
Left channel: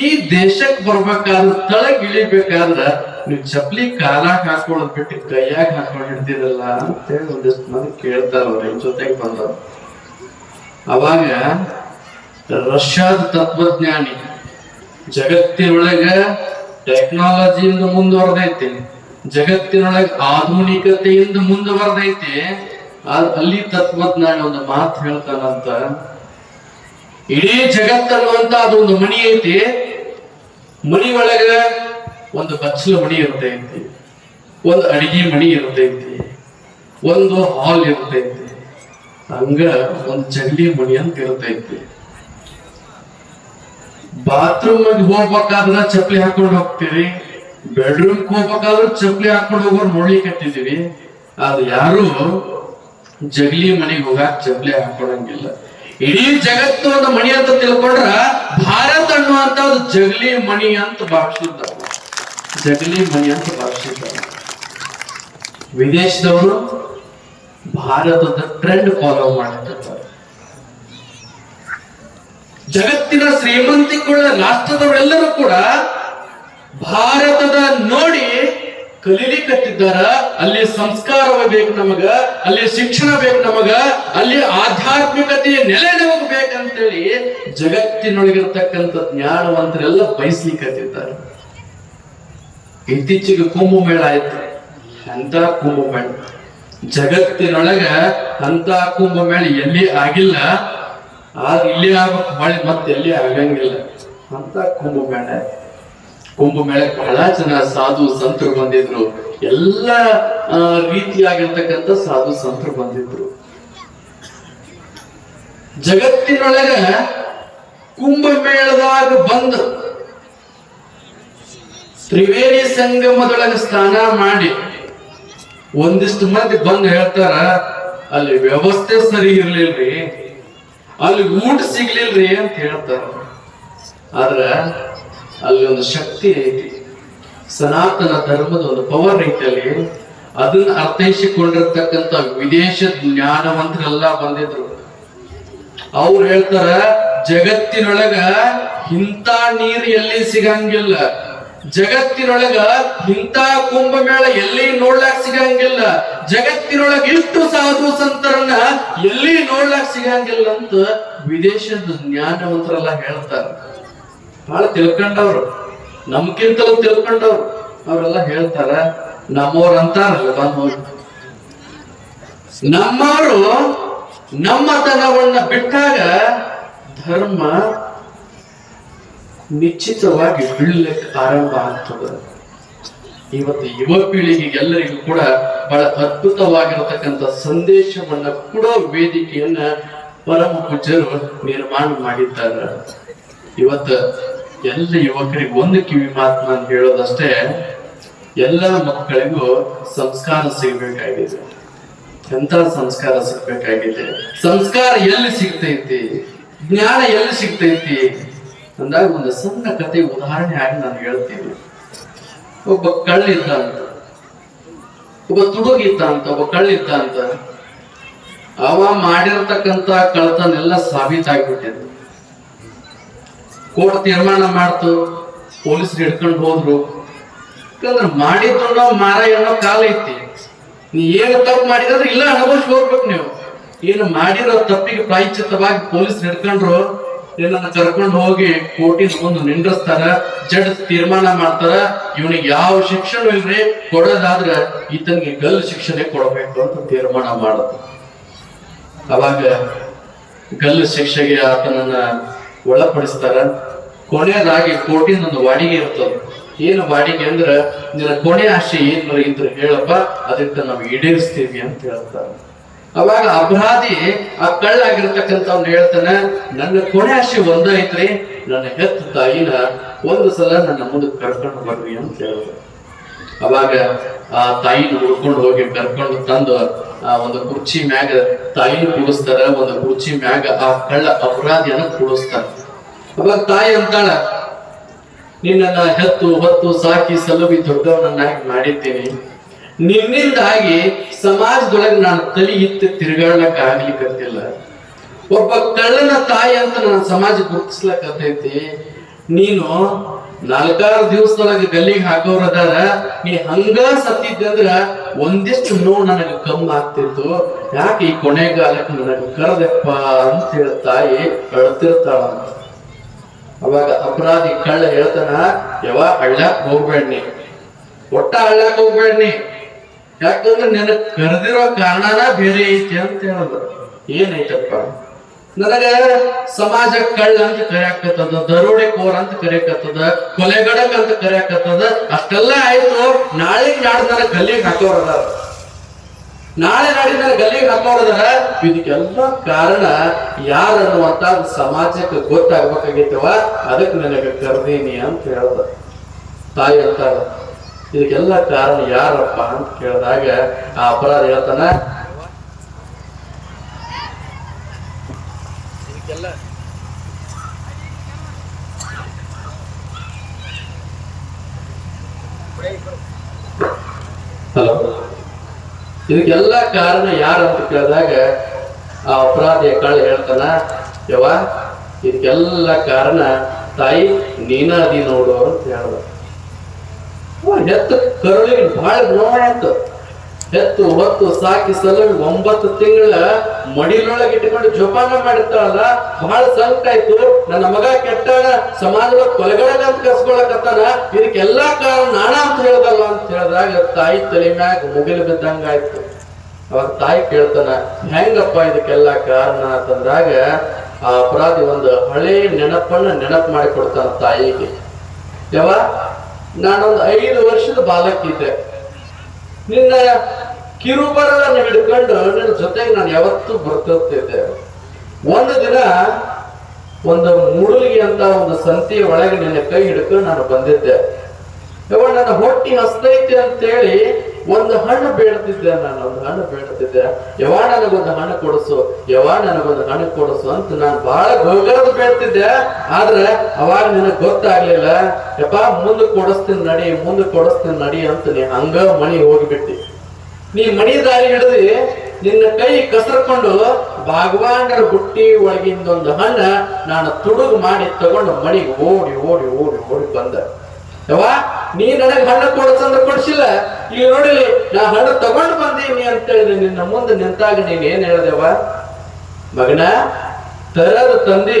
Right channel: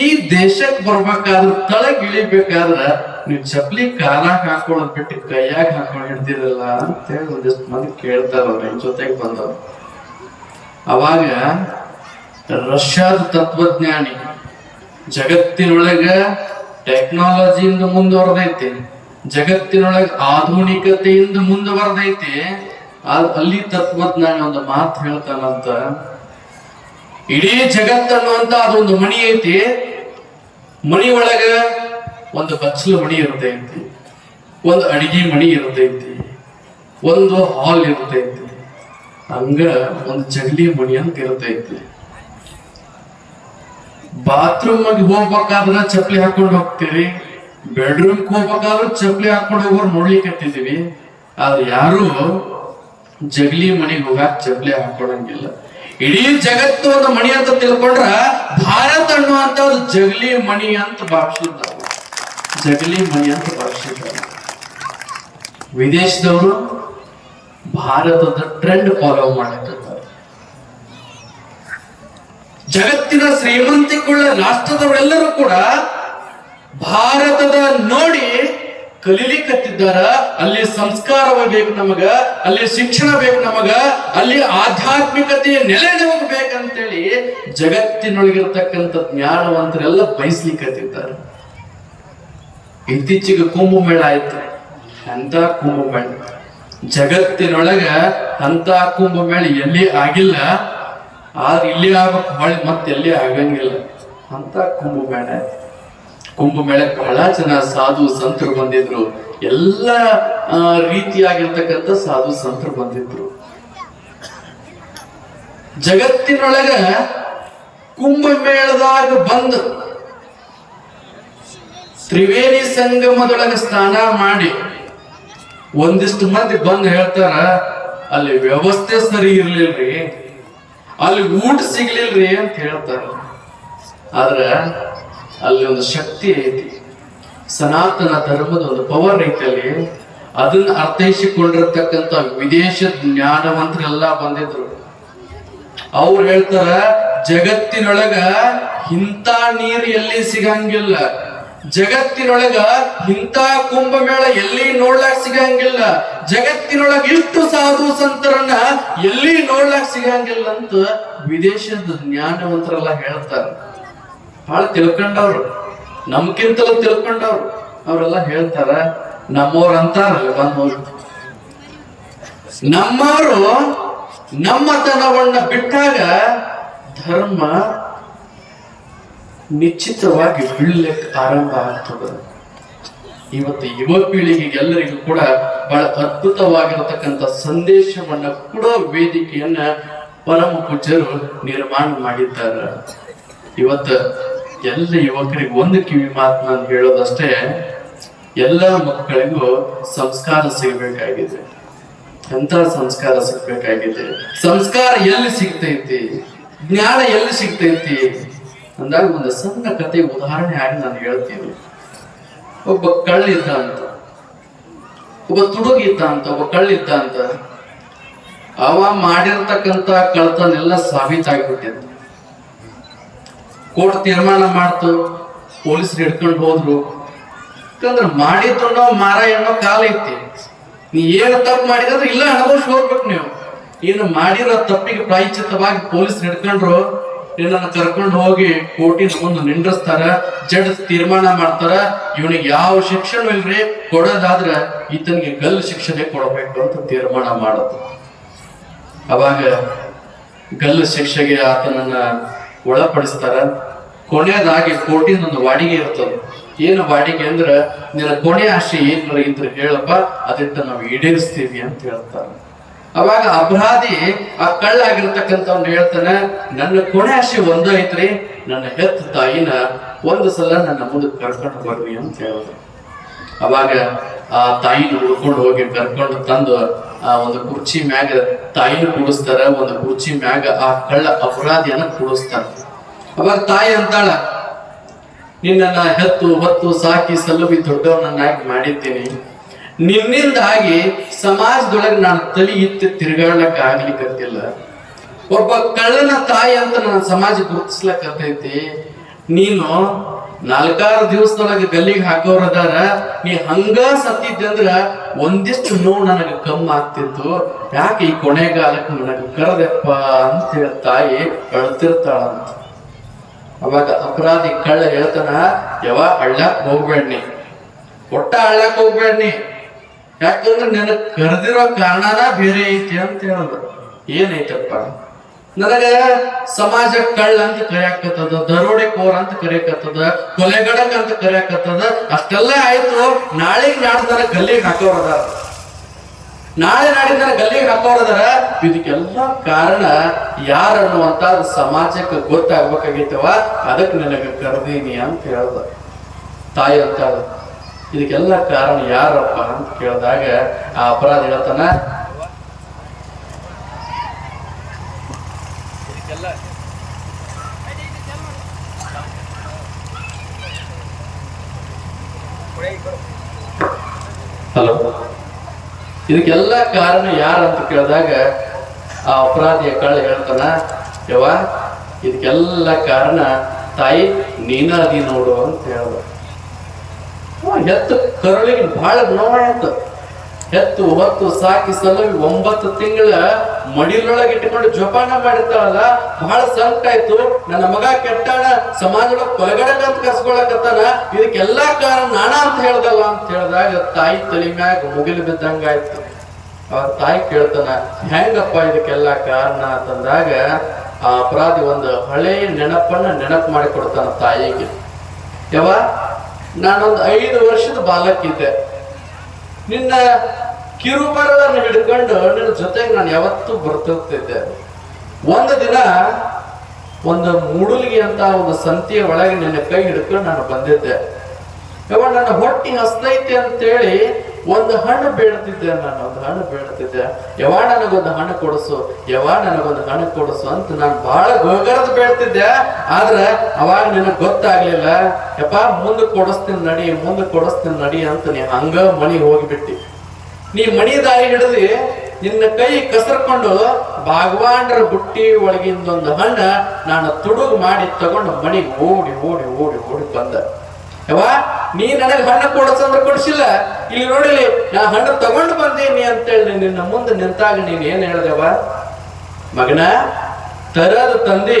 ಈ ದೇಶಕ್ಕೆ ಬರ್ಬೇಕಾದ್ರೆ ತಳಗ್ ಇಳಿಬೇಕಾದ್ರ ನೀವು ಚಪ್ಪಲಿ ಕಾಲಾಗ ಹಾಕೊಳ್ಳೋದ್ ಬಿಟ್ಟು ಕೈಯಾಗ ಹಾಕೊಂಡು ಹಿಡ್ದಿರಲ್ಲ ಅಂತ ಹೇಳಿ ಒಂದಿಷ್ಟು ಮಂದಿ ಕೇಳ್ತಾರ. ಅವ್ರ ಜೊತೆಗೆ ಬಂದವರು. ಅವಾಗ ರಷ್ಯಾದ ತತ್ವಜ್ಞಾನಿ ಜಗತ್ತಿನೊಳಗ ಟೆಕ್ನಾಲಜಿಯಿಂದ ಮುಂದುವರೆದೈತಿ, ಜಗತ್ತಿನೊಳಗೆ ಆಧುನಿಕತೆಯಿಂದ ಮುಂದುವರೆದೈತಿ. ಅಲ್ಲಿ ತತ್ವಜ್ಞಾನಿ ಒಂದು ಮಾತು ಹೇಳ್ತಾನಂತ, ಇಡೀ ಜಗತ್ತನ್ನುವಂತ ಅದೊಂದು ಮಣಿ ಐತಿ, ಮಣಿ ಒಳಗ ಒಂದು ಬಚ್ಚಲ ಮಣಿ ಇರ್ತೈತಿ, ಒಂದು ಅಡಿಗೆ ಮಣಿ ಇರ್ತೈತಿ, ಒಂದು ಹಾಲ್ ಇರ್ತೈತಿ, ಹಂಗ ಒಂದು ಜಗಲಿ ಮಣಿ ಅಂತ ಇರ್ತೈತಿ. ಬಾತ್ರೂಮ್ ಹೋಗ್ಬೇಕಾದ್ರ ಚಪ್ಪಲಿ ಹಾಕೊಂಡು ಹೋಗ್ತೀವಿ, ಬೆಡ್ರೂಮ್ ಹೋಗ್ಬೇಕಾದ್ರೂ ಚಪ್ಪಲಿ ಹಾಕೊಂಡು ಹೋಗೋರು ನೋಡ್ಲಿಕ್ಕೆ. ಆದ್ರೆ ಯಾರು ಜಗಲಿ ಮನೆಗೆ ಹೋಗಾಕ ಚಪ್ಪಲಿ ಹಾಕೊಳ್ಳಂಗಿಲ್ಲ. ಇಡೀ ಜಗತ್ತು ಒಂದು ಮಣಿ ಅಂತ ತಿಳ್ಕೊಂಡ್ರ ಭಾರತ ಅನ್ನುವಂತ ಜಗಲಿ ಮಣಿ ಅಂತ ಭಾವಿಸಿದ್ದಾರೆ. ವಿದೇಶದವರು ಭಾರತದ ಟ್ರೆಂಡ್ ಫಾಲೋ ಮಾಡುತ್ತಿದ್ದಾರೆ. ಜಗತ್ತಿನ ಶ್ರೀಮಂತಿಗಳ ರಾಷ್ಟ್ರದವರೆಲ್ಲರೂ ಕೂಡ ಭಾರತದ ನೋಡಿ ಕಲೀಲಿಕ್ಕತ್ತಿದ್ದಾರ. ಅಲ್ಲಿ ಸಂಸ್ಕಾರವ ಬೇಕು ನಮಗ, ಅಲ್ಲಿ ಶಿಕ್ಷಣ ಬೇಕು ನಮಗ, ಅಲ್ಲಿ ಆಧ್ಯಾತ್ಮಿಕತೆಯ ನೆಲೆ ನಮಗ್ ಬೇಕಂತೇಳಿ ಜಗತ್ತಿನೊಳಗಿರ್ತಕ್ಕಂಥ ಜ್ಞಾನವಂತರೆಲ್ಲ ಬಯಸ್ಲಿಕ್ಕತ್ತಿದ್ದಾರೆ. ಇತ್ತೀಚೆಗೆ ಕುಂಭಮೇಳ ಆಯ್ತು. ಅಂತ ಕುಂಭಮೇಳ ಜಗತ್ತಿನೊಳಗ ಅಂತ ಕುಂಭಮೇಳ ಎಲ್ಲಿ ಆಗಿಲ್ಲ, ಆದ್ರೆ ಇಲ್ಲಿ ಆಗಕ್ ಹೊಳ್ಳಿ ಮತ್ತೆ ಎಲ್ಲಿ ಆಗಂಗಿಲ್ಲ ಅಂತ ಕುಂಭಮೇಳ. ಕುಂಭಮೇಳ ಬಹಳ ಜನ ಸಾಧು ಸಂತರು ಬಂದಿದ್ರು, ಎಲ್ಲ ರೀತಿಯಾಗಿರ್ತಕ್ಕಂಥ ಸಾಧು ಸಂತರು ಬಂದಿದ್ರು. ಜಗತ್ತಿನೊಳಗ ಕುಂಭಮೇಳದಾಗ ಬಂದು ತ್ರಿವೇಣಿ ಸಂಗಮದೊಳಗೆ ಸ್ನಾನ ಮಾಡಿ ಒಂದಿಷ್ಟು ಮಂದಿ ಬಂದು ಹೇಳ್ತಾರ, ಅಲ್ಲಿ ವ್ಯವಸ್ಥೆ ಸರಿ ಇರ್ಲಿಲ್ರಿ, ಅಲ್ಲಿ ಊಟ ಸಿಗ್ಲಿಲ್ರಿ ಅಂತ ಹೇಳ್ತಾರ. ಆದ್ರ ಅಲ್ಲಿ ಒಂದು ಶಕ್ತಿ ಐತಿ, ಸನಾತನ ಧರ್ಮದ ಒಂದು ಪವರ್ ಐತಿ ಅಲ್ಲಿ. ಅದನ್ನ ಅರ್ಥೈಸಿಕೊಂಡಿರ್ತಕ್ಕಂಥ ವಿದೇಶ ಜ್ಞಾನವಂತರೆಲ್ಲ ಬಂದಿದ್ರು. ಅವ್ರು ಹೇಳ್ತಾರ, ಜಗತ್ತಿನೊಳಗ ಇಂಥ ನೀರು ಎಲ್ಲಿ ಸಿಗಂಗಿಲ್ಲ, ಜಗತ್ತಿನೊಳಗ ಇಂಥ ಕುಂಭಮೇಳ ಎಲ್ಲಿ ನೋಡ್ಲಾಕ್ ಸಿಗಂಗಿಲ್ಲ, ಜಗತ್ತಿನೊಳಗ ಇಷ್ಟು ಸಾಧು ಸಂತರನ್ನ ಎಲ್ಲಿ ನೋಡ್ಲಾಕ್ ಸಿಗಂಗಿಲ್ಲ ಅಂತ ವಿದೇಶದ ಜ್ಞಾನವಂತರೆಲ್ಲ ಹೇಳ್ತಾರ. ಬಹಳ ತಿಳ್ಕೊಂಡವ್ರು, ನಮ್ಗಿಂತಲೂ ತಿಳ್ಕೊಂಡವ್ರು ಅವರೆಲ್ಲ ಹೇಳ್ತಾರ. ನಮ್ಮವ್ರು ಅಂತಾರಲ್ಲ, ನಮ್ಮವರು ನಮ್ಮತನವನ್ನ ಬಿಟ್ಟಾಗ ಧರ್ಮ ನಿಶ್ಚಿತವಾಗಿ ಬೀಳಲಿಕ್ಕೆ ಆರಂಭ ಆಗ್ತದೆ. ಇವತ್ತು ಯುವ ಪೀಳಿಗೆಗೆ ಎಲ್ಲರಿಗೂ ಕೂಡ ಬಹಳ ಅದ್ಭುತವಾಗಿರತಕ್ಕಂಥ ಸಂದೇಶವನ್ನ ಕೊಡೋ ವೇದಿಕೆಯನ್ನ ಪರಮ ಪೂಜ್ಯರು ನಿರ್ಮಾಣ ಮಾಡಿದ್ದಾರೆ. ಇವತ್ತ ಎಲ್ಲ ಯುವಕರಿಗೆ ಒಂದು ಕಿವಿ ಮಾತು ನಾನು ಹೇಳೋದಷ್ಟೇ, ಎಲ್ಲ ಮಕ್ಕಳಿಗೂ ಸಂಸ್ಕಾರ ಸಿಗಬೇಕಾಗಿದೆ. ಎಂತ ಸಂಸ್ಕಾರ ಸಿಗ್ಬೇಕಾಗಿದೆ? ಸಂಸ್ಕಾರ ಎಲ್ಲಿ ಸಿಗ್ತೈತಿ, ಜ್ಞಾನ ಎಲ್ಲಿ ಸಿಗ್ತೈತಿ ಅಂದಾಗ ಒಂದು ಸಣ್ಣ ಕತೆ ಉದಾಹರಣೆ ಆಗಿ ನಾನು ಹೇಳ್ತೀನಿ. ಒಬ್ಬ ಕಳ್ಳಿದ್ದ ಅಂತ, ಒಬ್ಬ ತುಡುಗಿದ್ದ ಅಂತ, ಒಬ್ಬ ಕಳ್ಳಿದ್ದ ಅಂತ. ಅವ ಮಾಡಿರ್ತಕ್ಕಂಥ ಕಳ್ತನೆಲ್ಲ ಸಾಬೀತಾಗ್ಬಿಟ್ಟಿದ್ದು. ಕೋರ್ಟ್ ತೀರ್ಮಾನ ಮಾಡ್ತು, ಪೊಲೀಸರು ಹಿಡ್ಕೊಂಡು ಹೋದ್ರು. ಯಾಕಂದ್ರೆ ಮಾಡಿದ್ರು ಮಾರಾಯಣ ಕಾಲ ಐತಿ. ನೀ ಏನು ತಪ್ಪು ಮಾಡಿದ್ರೆ ಇಲ್ಲ ಅನುಭವಿಸಿ ಹೋಗ್ಬೇಕು. ನೀವು ಏನು ಮಾಡಿರೋ ತಪ್ಪಿಗೆ ಪ್ರಾಯಶ್ಚಿತ್ತವಾಗಿ ಪೊಲೀಸ್ ಹಿಡ್ಕೊಂಡ್ರು, ನಿನ್ನನ್ನು ಕರ್ಕೊಂಡು ಹೋಗಿ ಕೋರ್ಟಿನ ಮುಂದೆ ನಿಂದ್ರಿಸ್ತಾರ, ಜಡ್ಜ್ ತೀರ್ಮಾನ ಮಾಡ್ತಾರ, ಇವನಿಗೆ ಯಾವ ಶಿಕ್ಷಣ ಇಲ್ರಿ, ಕೊಡೋದಾದ್ರ ಈತನಿಗೆ ಗಲ್ಲು ಶಿಕ್ಷಣೆ ಕೊಡಬೇಕು ಅಂತ ತೀರ್ಮಾನ ಮಾಡೋದು. ಅವಾಗ ಗಲ್ಲು ಶಿಕ್ಷೆಗೆ ಆತನನ್ನ ಒಳಪಡಿಸ್ತಾರ. ಕೊನೆಯದಾಗಿ ಕೋರ್ಟಿನ ಒಂದು ವಾಡಿಗೆ ಇರ್ತದೆ. ಏನು ವಾಡಿಗೆ ಅಂದ್ರ, ನಿನ್ನ ಕೊನೆ ಆಶೆ ಏನ್ರ ಇದ್ರೆ ಹೇಳಪ್ಪ, ಅದಕ್ಕೆ ನಾವು ಈಡೇರಿಸ್ತೀವಿ ಅಂತ ಹೇಳ್ತಾರೆ. ಅವಾಗ ಅಪರಾಧಿ ಆ ಕಳ್ಳಾಗಿರ್ತಕ್ಕಂಥವ್ರು ಹೇಳ್ತಾನೆ, ನನ್ನ ಕೊನೆ ಆಶೆ ಒಂದೈತ್ರಿ, ನನ್ನ ಹೆತ್ತ ತಾಯಿನ ಒಂದು ಸಲ ನನ್ನ ಮುಂದಕ್ಕೆ ಕರ್ಕೊಂಡು ಬರ್ರಿ ಅಂತ ಹೇಳಿದ್ರು. ಅವಾಗ ಆ ತಾಯಿನ ಹುಡ್ಕೊಂಡು ಹೋಗಿ ಕರ್ಕೊಂಡು ತಂದು ಆ ಒಂದು ಕುರ್ಚಿ ಮ್ಯಾಗ ತಾಯಿನ ಕುಡಿಸ್ತಾರ, ಒಂದು ಕುರ್ಚಿ ಮ್ಯಾಗ ಆ ಕಳ್ಳ ಅಪರಾಧಿಯನ್ನ ಕುಡಿಸ್ತಾರ. ಅವಾಗ ತಾಯಿ ಅಂತಾಳ, ನಿನ್ನ ಹೆತ್ತು ಹೊತ್ತು ಸಾಕಿ ಸಲುಬಿ ದೊಡ್ಡವನನ್ನಾಗಿ ಮಾಡಿದ್ದೀನಿ, ನಿನ್ನಿಂದಾಗಿ ಸಮಾಜದೊಳಗೆ ನಾನು ತಲೆ ಇತ್ತು ತಿರುಗಾಡಕ್ಕೆ ಆಗ್ಲಿಕ್ಕತ್ತಿಲ್ಲ. ಒಬ್ಬ ಕಳ್ಳನ ತಾಯಿ ಅಂತ ನನ್ನ ಸಮಾಜ ಗುರುತಿಸ್ಲಕ್ಕತ್ತೈತಿ. ನೀನು 4-6 ದಿವಸದೊಳಗೆ ಗಲ್ಲಿಗೆ ಹಾಕೋರದಾರ, ನೀ ಹಂಗ ಸತ್ತಿದ್ದಂದ್ರ ಒಂದಿಷ್ಟು ನೋವು ನನಗೆ ಕಮ್ಮಿ ಆಗ್ತಿತ್ತು. ಯಾಕೆ ಈ ಕೊನೆಗಾಲಕ್ಕೆ ನನಗೆ ಕರೆದಪ್ಪ ಅಂತ ಹೇಳಿ ತಾಯಿ ಅಳ್ತಿರ್ತಾಳಂತ. ಅವಾಗ ಅಪರಾಧಿ ಕಳ್ಳ ಹೇಳ್ತಾನ, ಯಾವ ಹಳ್ಳಕ್ ಹೋಗ್ಬೇಡ್ನಿ, ಒಟ್ಟ ಹಳ್ಳಕ್ ಹೋಗ್ಬೇಡ್ನಿ, ಯಾಕಂದ್ರೆ ನನಗ್ ಕರೆದಿರೋ ಕಾರಣನ ಬೇರೆ ಐತಿ ಅಂತ ಹೇಳಿದ್ರು. ಏನೈತಪ್ಪ, ನನಗೆ ಸಮಾಜ ಕಳ್ಳ ಅಂತ ಕರೆಯಾಕತ್ತದ, ದರೋಡೆಕೋರ್ ಅಂತ ಕರೆಯಕತ್ತದ, ಕೊಲೆಗಡಕ್ ಅಂತ ಕರೆಯಾಕತ್ತದ. ಅಷ್ಟೆಲ್ಲ ಆಯ್ತು, ನಾಳೆ ನಾಡ್ದನ ಗಲ್ಲಿಗೆ ಹಾಕೋರದಾರ, ನಾಳೆ ನಾಡಿನ ಗಲ್ಲಿಗೆ ಹಾಕೋರದಾರ. ಇದಕ್ಕೆಲ್ಲ ಕಾರಣ ಯಾರು ಅನ್ನುವಂತ ಸಮಾಜಕ್ಕೆ ಗೊತ್ತಾಗ್ಬೇಕಾಗಿತ್ತವ, ಅದಕ್ಕೆ ನನಗೆ ಕರೆದೀನಿ ಅಂತ ಹೇಳ್ದ. ತಾಯಿ ಅಂತ ಇದಕ್ಕೆಲ್ಲ ಕಾರಣ ಯಾರಪ್ಪ ಅಂತ ಕೇಳಿದಾಗ ಆ ಅಪರಾಧ ಹೇಳ್ತಾನ, ಇದಕ್ಕೆಲ್ಲ ಹಲೋ, ಇದಕ್ಕೆಲ್ಲ ಕಾರಣ ಯಾರಂತ ಕೇಳಿದಾಗ ಆ ಅಪರಾಧಿಯ ಕಳ್ಳ ಹೇಳ್ತಾನ, ಯವ ಇದಕ್ಕೆಲ್ಲ ಕಾರಣ ತಾಯಿ ನೀನ ಅದಿ ನೋಡು ಅಂತ ಹೇಳ್ದ. ಹೆತ್ತು ಕರುಳಿಗೆ ಬಹಳ ನೋವ ಇತ್ತು. ಹೆತ್ತು ಹೊತ್ತು ಸಾಕಿ ಸಲುವಿ 9 ತಿಂಗಳ ಮಡಿಲೊಳಗೆ ಇಟ್ಟುಕೊಂಡು ಜೋಪಾನ ಮಾಡಿರ್ತಾಳಲ್ಲ, ಬಹಳ ಸಂಕಟ ಆಯ್ತು. ನನ್ನ ಮಗ ಕೆಟ್ಟಾಳ, ಸಮಾಜದೊಳಗೆ ಕೊಲೆಗಡಗ ಅಂತ ಕರ್ಸ್ಕೊಳಕತ್ತಾನ, ಇದಕ್ಕೆಲ್ಲಾ ಕಾರಣ ನಾನ ಅಂತ ಹೇಳ್ದಲ್ಲ ಅಂತ ಹೇಳಿದಾಗ ತಾಯಿ ತಲೆ ಮ್ಯಾಗ ಮುಗಿಲು ಬಿದ್ದಂಗಾಯ್ತು. ಅವಾಗ ತಾಯಿ ಕೇಳ್ತಾನ, ಹೆಂಗಪ್ಪ ಇದಕ್ಕೆಲ್ಲ ಕಾರಣ ಅಂತಂದಾಗ ಆ ಅಪರಾಧಿ ಒಂದು ಹಳೆ ನೆನಪು ಮಾಡಿ ಕೊಡ್ತಾನ ತಾಯಿಗೆ. ಯಾವ ನಾನೊಂದು 5 ವರ್ಷದ ಬಾಲಕಿದ್ದೆ, ನಿನ್ನ ಕಿರುಬರವನ್ನು ಹಿಡ್ಕೊಂಡು ನಿನ್ನ ಜೊತೆಗೆ ನಾನು ಯಾವತ್ತೂ ಬರ್ತಿದ್ದೆ. ಒಂದು ದಿನ ಒಂದು ಮೂಡಲಿಗೆ ಅಂತ ಒಂದು ಸಂತೆಯ ಒಳಗೆ ನಿನ್ನ ಕೈ ಹಿಡ್ಕೊಂಡು ನಾನು ಬಂದಿದ್ದೆ. ಯಾವ ನನ್ನ ಹೊಟ್ಟಿ ಹಸ್ತೈತೆ ಅಂತೇಳಿ ಒಂದು ಹಣ್ಣು ಬೇಡ್ತಿದ್ದೆ, ನಾನು ಒಂದು ಹಣ್ಣು ಬೇಡ್ತಿದ್ದೆ. ನನಗೊಂದು ಹಣ್ಣು ಕೊಡಿಸು, ನನಗೊಂದು ಹಣ್ಣು ಕೊಡಿಸು ಅಂತ ನಾನು ಬಹಳ ಗೋಗರದ ಬೇಡ್ತಿದ್ದೆ. ಆದ್ರೆ ಅವಾಗ ನಿನಗೆ ಗೊತ್ತಾಗ್ಲಿಲ್ಲ. ಮುಂದೆ ಕೊಡಿಸ್ತೀನಿ ನಡಿ ಅಂತ ನೀ ಹಂಗ ಮನಿ ಹೋಗಿಬಿಟ್ಟಿ. ನೀ ಮಣಿ ದಾರಿ ಹಿಡಿದು ನಿನ್ನ ಕೈ ಕಸರ್ಕೊಂಡು ಭಾಗವಾನ್ರ ಬುಟ್ಟಿ ಒಳಗಿಂದ ಒಂದು ಹಣ್ಣ ನಾನು ತುಡುಗು ಮಾಡಿ ತಗೊಂಡು ಮಣಿಗೆ ಓಡಿ ಓಡಿ ಓಡಿ ಓಡಿ ಬಂದ. ನೀ ನನಗೆ ಹಣ್ಣು ಕೊಡಿಸಂದ್ರೆ ಕೊಡಿಸಿಲ್ಲ. ಇಲ್ಲಿ ನೋಡಿಲಿ, ನಾ ಹಣ್ಣು ತಗೊಂಡು ಬಂದೀನಿ ಅಂತೇಳಿ ನಿನ್ನ ಮುಂದೆ ನಿಂತಾಗ ನೀನ್ ಏನ್ ಹೇಳ್ದೇವ, ಮಗನ ತರದ ತಂದಿ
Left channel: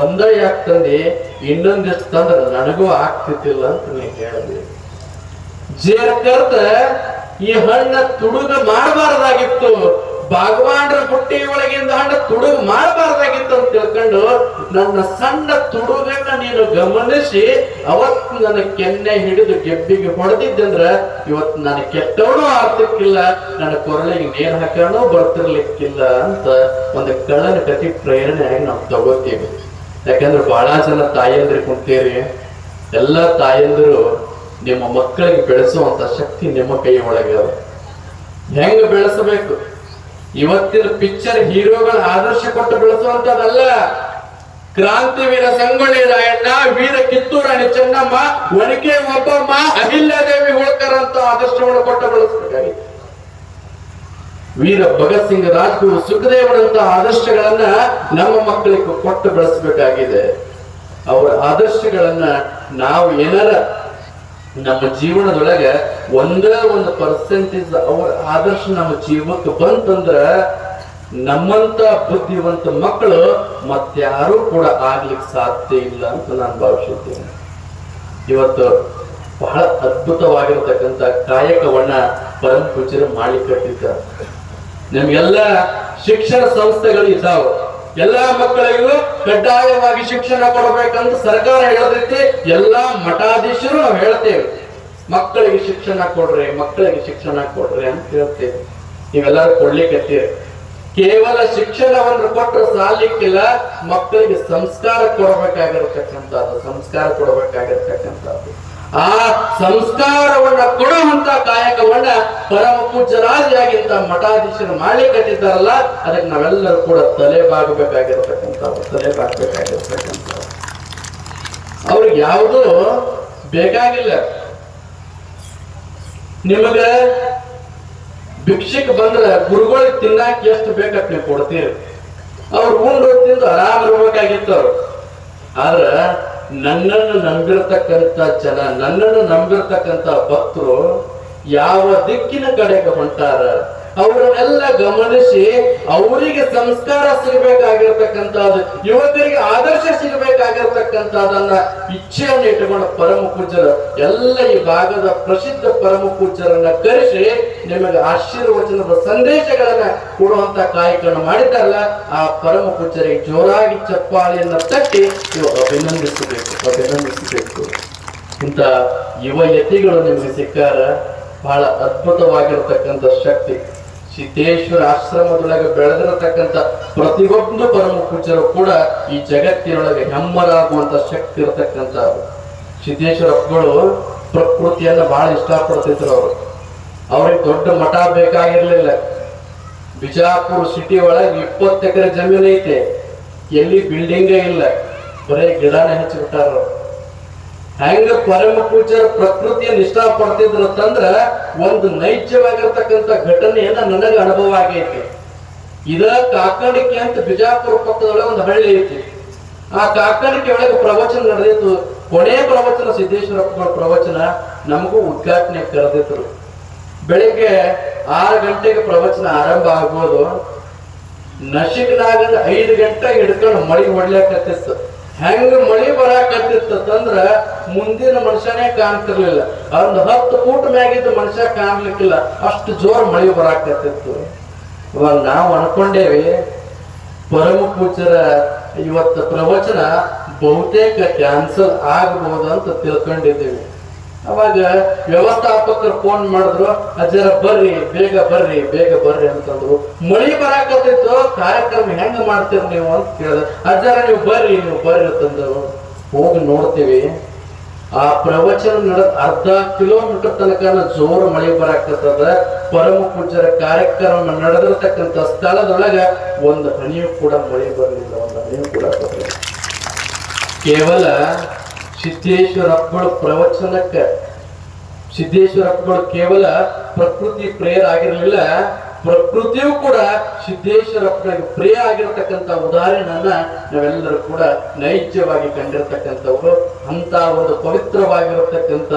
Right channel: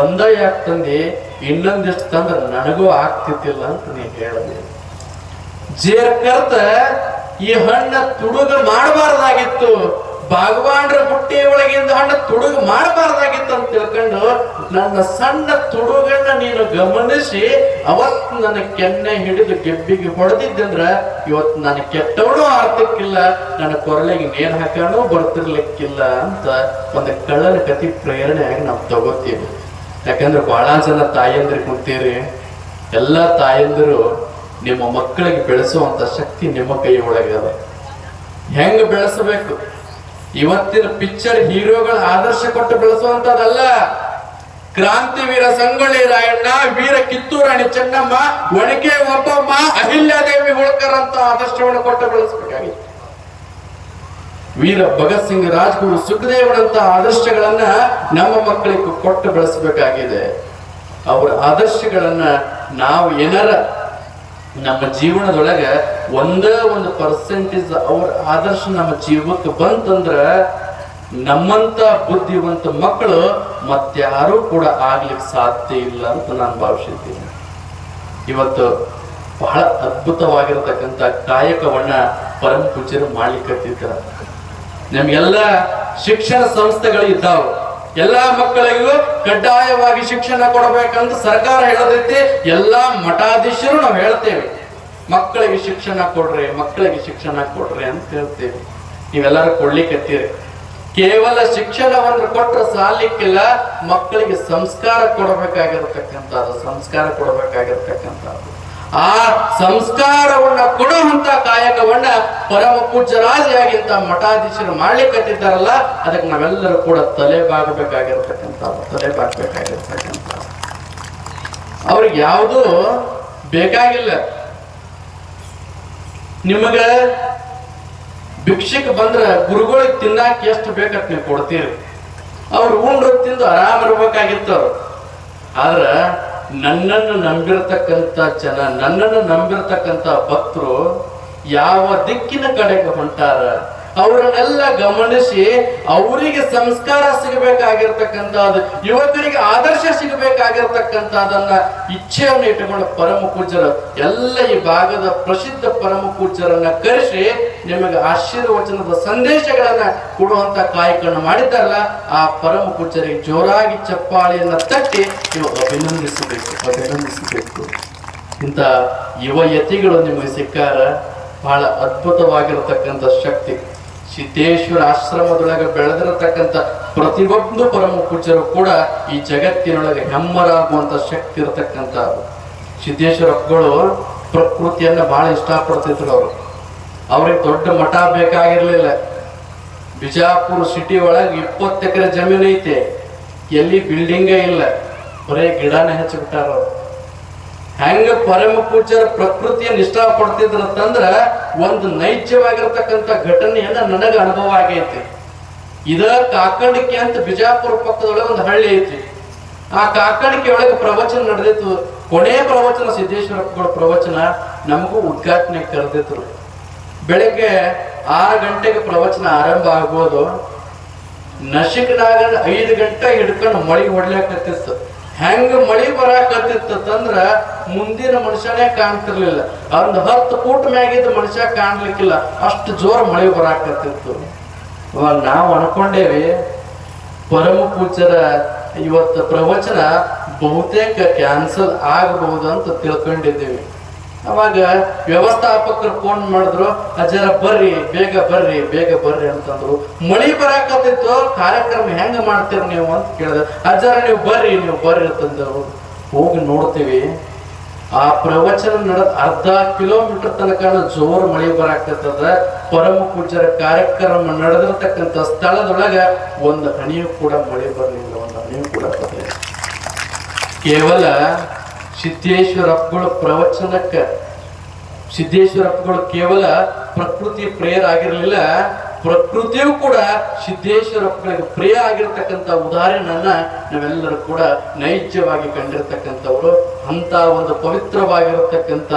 ಒಂದೇ ಯಾಕೆ ತಂದಿ, ಇನ್ನೊಂದಿಷ್ಟು ತಂದ್ರೆ ನನಗೂ ಆಗ್ತಿದ್ದಿಲ್ಲ ಅಂತ ನೀ ಹೇಳಿದೆ. ಜೇರ್ಕರ್ತ ಈ ಹಣ್ಣ ತುಡುಗ ಮಾಡಬಾರದಾಗಿತ್ತು, ಭಾಗವಾನ್ರ ಬುಟ್ಟಿ ಒಳಗಿಂದ ಹಣ್ಣು ತುಡುಗ ಮಾಡಬಾರದಾಗಿತ್ತು ಅಂತ ತಿಳ್ಕೊಂಡು ನನ್ನ ಸಣ್ಣ ತುಡುಗನ್ನ ನೀನು ಗಮನಿಸಿ ಅವತ್ತು ನನ್ನ ಕೆನ್ನೆ ಹಿಡಿದು ಗೆಬ್ಬಿಗೆ ಹೊಡೆದಿದ್ದಂದ್ರ ಇವತ್ತು ನಾನು ಕೆಟ್ಟವನು ಆಗ್ತಿರ್ಲಿಲ್ಲ, ನನ್ನ ಕೊರಳಿಗೆ ನೇಣು ಹಾಕೊಂಡು ಬರ್ತಿರ್ಲಿಕ್ಕಿಲ್ಲ ಅಂತ ಒಂದು ಕಳ್ಳನ ಕತಿ ಪ್ರೇರಣೆಯಾಗಿ ನಾವು ತಗೋತೀವಿ. ಯಾಕಂದ್ರೆ ಬಹಳ ಜನ ತಾಯಂದ್ರು ಕುಂತೀರಿ, ಎಲ್ಲಾ ತಾಯಂದಿರು ನಿಮ್ಮ ಮಕ್ಕಳಿಗೆ ಬೆಳೆಸುವಂತ ಶಕ್ತಿ ನಿಮ್ಮ ಕೈ ಒಳಗೆ. ಹೆಂಗ ಬೆಳೆಸಬೇಕು? ಇವತ್ತಿನ ಪಿಕ್ಚರ್ ಹೀರೋಗಳ ಆದರ್ಶ ಕೊಟ್ಟು ಬೆಳೆಸುವಂತದಲ್ಲ. ಕ್ರಾಂತಿವೀರ ಸಂಗೊಳ್ಳಿ ರಾಯಣ್ಣ, ವೀರ ಕಿತ್ತೂರು ರಾಣಿ ಚೆನ್ನಮ್ಮ, ಒಣಕೆ ಒಬ್ಬಮ್ಮ, ಅಹಿಲ್ಯಾದೇವಿ ಹೋಳ್ಕರ್ ಅಂತ ಆದರ್ಶವನ್ನು ಕೊಟ್ಟು ಬೆಳೆಸಬೇಕಾಗಿತ್ತು. ವೀರ ಭಗತ್ ಸಿಂಗ್, ರಾಜ್ಗುರು ಸುಖದೇವರಂತ ಆದರ್ಶಗಳನ್ನ ನಮ್ಮ ಮಕ್ಕಳಿಗೆ ಕೊಟ್ಟು ಬೆಳೆಸಬೇಕಾಗಿದೆ. ಅವರ ಆದರ್ಶಗಳನ್ನ ನಾವು ಏನಾರ ನಮ್ಮ ಜೀವನದೊಳಗೆ ಒಂದೇ ಒಂದು ಪರ್ಸೆಂಟೇಜ್ ಅವ್ರ ಆದರ್ಶ ನಮ್ಮ ಜೀವಕ್ಕೆ ಬಂತಂದ್ರ ನಮ್ಮಂತ ಬುದ್ಧಿವಂತ ಮಕ್ಕಳು ಮತ್ತಾರೂ ಕೂಡ ಆಗ್ಲಿಕ್ಕೆ ಸಾಧ್ಯ ಇಲ್ಲ ಅಂತ ನಾನು ಭಾವಿಸಿದ್ದೀನಿ. ಇವತ್ತು ಬಹಳ ಅದ್ಭುತವಾಗಿರ್ತಕ್ಕಂಥ ಕಾಯಕವನ್ನ ಪರಮ ಪೂಜ್ಯರು ಮಾಡ್ಲಿಕ್ಕತ್ತಿದ್ದಾರೆ. ನಮ್ಗೆಲ್ಲ ಶಿಕ್ಷಣ ಸಂಸ್ಥೆಗಳು ಇದ್ದಾವೆ. ಎಲ್ಲಾ ಮಕ್ಕಳಿಗೂ ಕಡ್ಡಾಯವಾಗಿ ಶಿಕ್ಷಣ ಕೊಡಬೇಕಂತ ಸರ್ಕಾರ ಹೇಳದೈತಿ. ಎಲ್ಲಾ ಮಠಾಧೀಶರು ನಾವು ಹೇಳ್ತೇವೆ, ಮಕ್ಕಳಿಗೆ ಶಿಕ್ಷಣ ಕೊಡ್ರಿ, ಮಕ್ಕಳಿಗೆ ಶಿಕ್ಷಣ ಕೊಡ್ರಿ ಅಂತ ಹೇಳ್ತೇವೆ. ನೀವೆಲ್ಲರೂ ಕೊಡ್ಲಿಕ್ಕತ್ತೀರಿ. ಕೇವಲ ಶಿಕ್ಷಣವನ್ನು ಕೊಟ್ಟರೆ ಸಾಲಿಕ್ಕಿಲ್ಲ, ಮಕ್ಕಳಿಗೆ ಸಂಸ್ಕಾರ ಕೊಡಬೇಕಾಗಿರ್ತಕ್ಕಂಥದ್ದು. ಆ ಸಂಸ್ಕಾರವನ್ನ ಕೊಡುವಂತ ಕಾಯಕವನ್ನ ಪರಮ ಪೂಜ್ಯರಾದಿಯಾಗಿಂತ ಮಠಾಧೀಶರು ಮಾಡ್ಲಿಕ್ಕತ್ತಿದ್ದಾರಲ್ಲ, ಅದಕ್ಕೆ ನಾವೆಲ್ಲರೂ ಕೂಡ ತಲೆ ಬಾಗಬೇಕಾಗಿರ್ತಕ್ಕಂಥದ್ದು. ಅವ್ರಿಗೆ ಯಾವುದೂ ಬೇಕಾಗಿಲ್ಲ. ನಿಮಗ ಭಿಕ್ಷಕ್ಕೆ ಬಂದ್ರ ಗುರುಗಳಿಗೆ ತಿನ್ನಾಕ ಎಷ್ಟು ಬೇಕಂತ ನೀವು ಕೊಡ್ತೀರಿ. ಅವ್ರು ಉಂಡು ತಿಂದು ಆರಾಮ ಇರ್ಬೇಕಾಗಿತ್ತು ಅವ್ರು. ಆದ್ರ ನನ್ನನ್ನು ನಂಬಿರ್ತಕ್ಕಂಥ ಜನ, ನನ್ನನ್ನು ನಂಬಿರ್ತಕ್ಕಂಥ ಭಕ್ತರು ಯಾವ ದಿಕ್ಕಿನ ಕಡೆಗೆ ಹೊಂಟಾರ ಅವರನ್ನೆಲ್ಲ ಗಮನಿಸಿ ಅವರಿಗೆ ಸಂಸ್ಕಾರ ಸಿಗಬೇಕಾಗಿರ್ತಕ್ಕಂಥದ್ದು, ಯುವಕರಿಗೆ ಆದರ್ಶ ಸಿಗಬೇಕಾಗಿರ್ತಕ್ಕಂಥದನ್ನ ಇಚ್ಛೆಯನ್ನು ಇಟ್ಟುಕೊಂಡು ಪರಮ ಪೂಜ್ಯರು ಎಲ್ಲ ಈ ಭಾಗದ ಪ್ರಸಿದ್ಧ ಪರಮ ಪೂಜ್ಯರನ್ನ ಕರೆಸಿ ನಿಮಗೆ ಆಶೀರ್ವಚನದ ಸಂದೇಶಗಳನ್ನ ಕೊಡುವಂತ ಕಾಯಕವನ್ನು ಮಾಡಿದ್ದಾರಲ್ಲ, ಆ ಪರಮ ಪೂಜ್ಯರಿಗೆ ಜೋರಾಗಿ ಚಪ್ಪಾಳಿಯನ್ನ ತಟ್ಟಿ ನೀವು ಅಭಿನಂದಿಸಬೇಕು. ಇಂಥ ಯುವ ಯತಿಗಳು ನಿಮಗೆ ಸಿಕ್ಕಾರ ಬಹಳ ಅದ್ಭುತವಾಗಿರ್ತಕ್ಕಂಥ ಶಕ್ತಿ. ಸಿದ್ದೇಶ್ವರ ಆಶ್ರಮದೊಳಗೆ ಬೆಳೆದಿರತಕ್ಕಂಥ ಪ್ರತಿಯೊಂದು ಪರಮ ಪೂಜ್ಯರು ಕೂಡ ಈ ಜಗತ್ತಿನೊಳಗೆ ಹೆಮ್ಮರಾಗುವಂತ ಶಕ್ತಿ ಇರತಕ್ಕಂಥ ಸಿದ್ದೇಶ್ವರ ಅಪ್ಪಗಳು ಪ್ರಕೃತಿಯನ್ನ ಬಹಳ ಇಷ್ಟಪಡ್ತಿದ್ರು. ಅವ್ರಿಗೆ ದೊಡ್ಡ ಮಠ ಬೇಕಾಗಿರ್ಲಿಲ್ಲ. ಬಿಜಾಪುರ ಸಿಟಿ ಒಳಗೆ 20 ಎಕರೆ ಜಮೀನು ಐತೆ, ಎಲ್ಲಿ ಬಿಲ್ಡಿಂಗೇ ಇಲ್ಲ, ಬರೇ ಗಿಡನೇ ಹಚ್ಚಿಬಿಟ್ಟಾರ. ಹೆಂಗ ಪರಮ ಪೂಜ್ಯರ ಪ್ರಕೃತಿಯನ್ನು ಇಷ್ಟಪಡ್ತಿದ್ರು ಅಂತಂದ್ರ ಒಂದು ನೈಜವಾಗಿರ್ತಕ್ಕಂಥ ಘಟನೆಯನ್ನ ನನಗ ಅನುಭವ ಆಗೈತಿ. ಇದ ಕಾಕಣಿಕೆ ಅಂತ ಬಿಜಾಪುರ ಪಕ್ಕದೊಳಗೆ ಒಂದು ಹಳ್ಳಿ ಐತಿ. ಆ ಕಾಕಣಿಕೆ ಒಳಗೆ ಪ್ರವಚನ ನಡೆದಿತ್ತು. ಕೊನೆ ಪ್ರವಚನ ಸಿದ್ದೇಶ್ವರಪ್ಪಗಳ ಪ್ರವಚನ ನಮಗೂ ಉದ್ಘಾಟನೆ ಕರೆದಿದ್ರು. ಬೆಳಿಗ್ಗೆ 6 ಗಂಟೆಗೆ ಪ್ರವಚನ ಆರಂಭ ಆಗುವುದು. ನಶಿಕನಾಗ 5 ಗಂಟೆ ಹಿಡ್ಕೊಂಡು ಮಳಿ ಹೊಡ್ಲಾಕತ್ತಿತ್ತು. ಹೆಂಗ ಮಳಿ ಬರಾಕತ್ತಿತ್ತಂದ್ರ ಮುಂದಿನ ಮನುಷ್ಯನೇ ಕಾಣ್ತಿರ್ಲಿಲ್ಲ. ಒಂದು 10 ಫೂಟ್ ಮ್ಯಾಗಿದ್ದ ಮನುಷ್ಯ ಕಾಣ್ಲಿಕ್ಕಿಲ್ಲ, ಅಷ್ಟು ಜೋರ್ ಮಳೆ ಬರಾಕತ್ತಿತ್ತು. ಇವಾಗ ನಾವು ಅನ್ಕೊಂಡೇವಿ ಪರಮ ಪೂಜ್ಯರ ಇವತ್ತು ಪ್ರವಚನ ಬಹುತೇಕ ಕ್ಯಾನ್ಸಲ್ ಆಗಬಹುದಂತ ತಿಳ್ಕೊಂಡಿದ್ದೀವಿ. ಅವಾಗ ವ್ಯವಸ್ಥಾಪಕರು ಫೋನ್ ಮಾಡಿದ್ರು, ಅಜ್ಜರ ಬರ್ರಿ ಬೇಗ ಬರ್ರಿ ಬೇಗ ಬರ್ರಿ ಅಂತಂದ್ರು. ಮಳಿ ಬರಾಕತ್ತಿತ್ತು, ಕಾರ್ಯಕ್ರಮ ಹೆಂಗ ಮಾಡ್ತೀರಿ ನೀವು ಅಂತ ಕೇಳಿದ. ಅಜ್ಜರ ನೀವು ಬರ್ರಿ ಅಂತಂದ್ರು. ಹೋಗಿ ನೋಡ್ತೀವಿ, ಆ ಪ್ರವಚನ ನಡೆದ ಅರ್ಧ ಕಿಲೋಮೀಟರ್ ತನಕ ಜೋರು ಮಳೆ ಬರಾಕತ್ತದ. ಪರಮ ಪೂಜ್ಯರ ಕಾರ್ಯಕ್ರಮ ನಡೆದಿರ್ತಕ್ಕಂಥ ಸ್ಥಳದೊಳಗ ಒಂದು ಹನಿಯೂ ಕೂಡ ಮಳೆ ಬರಲಿಲ್ಲ, ಒಂದು ಹನಿಯೂ ಕೂಡ ಬರಲಿಲ್ಲ. ಕೇವಲ ಸಿದ್ದೇಶ್ವರಪ್ಪಗಳು ಪ್ರವಚನಕ್ಕೆ, ಸಿದ್ದೇಶ್ವರಪ್ಪಗಳು ಕೇವಲ ಪ್ರಕೃತಿ ಪ್ರಿಯರಾಗಿರ್ಲಿಲ್ಲ, ಪ್ರಕೃತಿಯು ಕೂಡ ಸಿದ್ದೇಶ್ವರಪ್ಪಗಳಿಗೆ ಪ್ರಿಯ ಆಗಿರ್ತಕ್ಕಂಥ ಉದಾಹರಣೆಯನ್ನ ನಾವೆಲ್ಲರೂ ಕೂಡ ನೈಜವಾಗಿ ಕಂಡಿರ್ತಕ್ಕಂಥವ್ರು. ಅಂತ ಒಂದು ಪವಿತ್ರವಾಗಿರತಕ್ಕಂಥ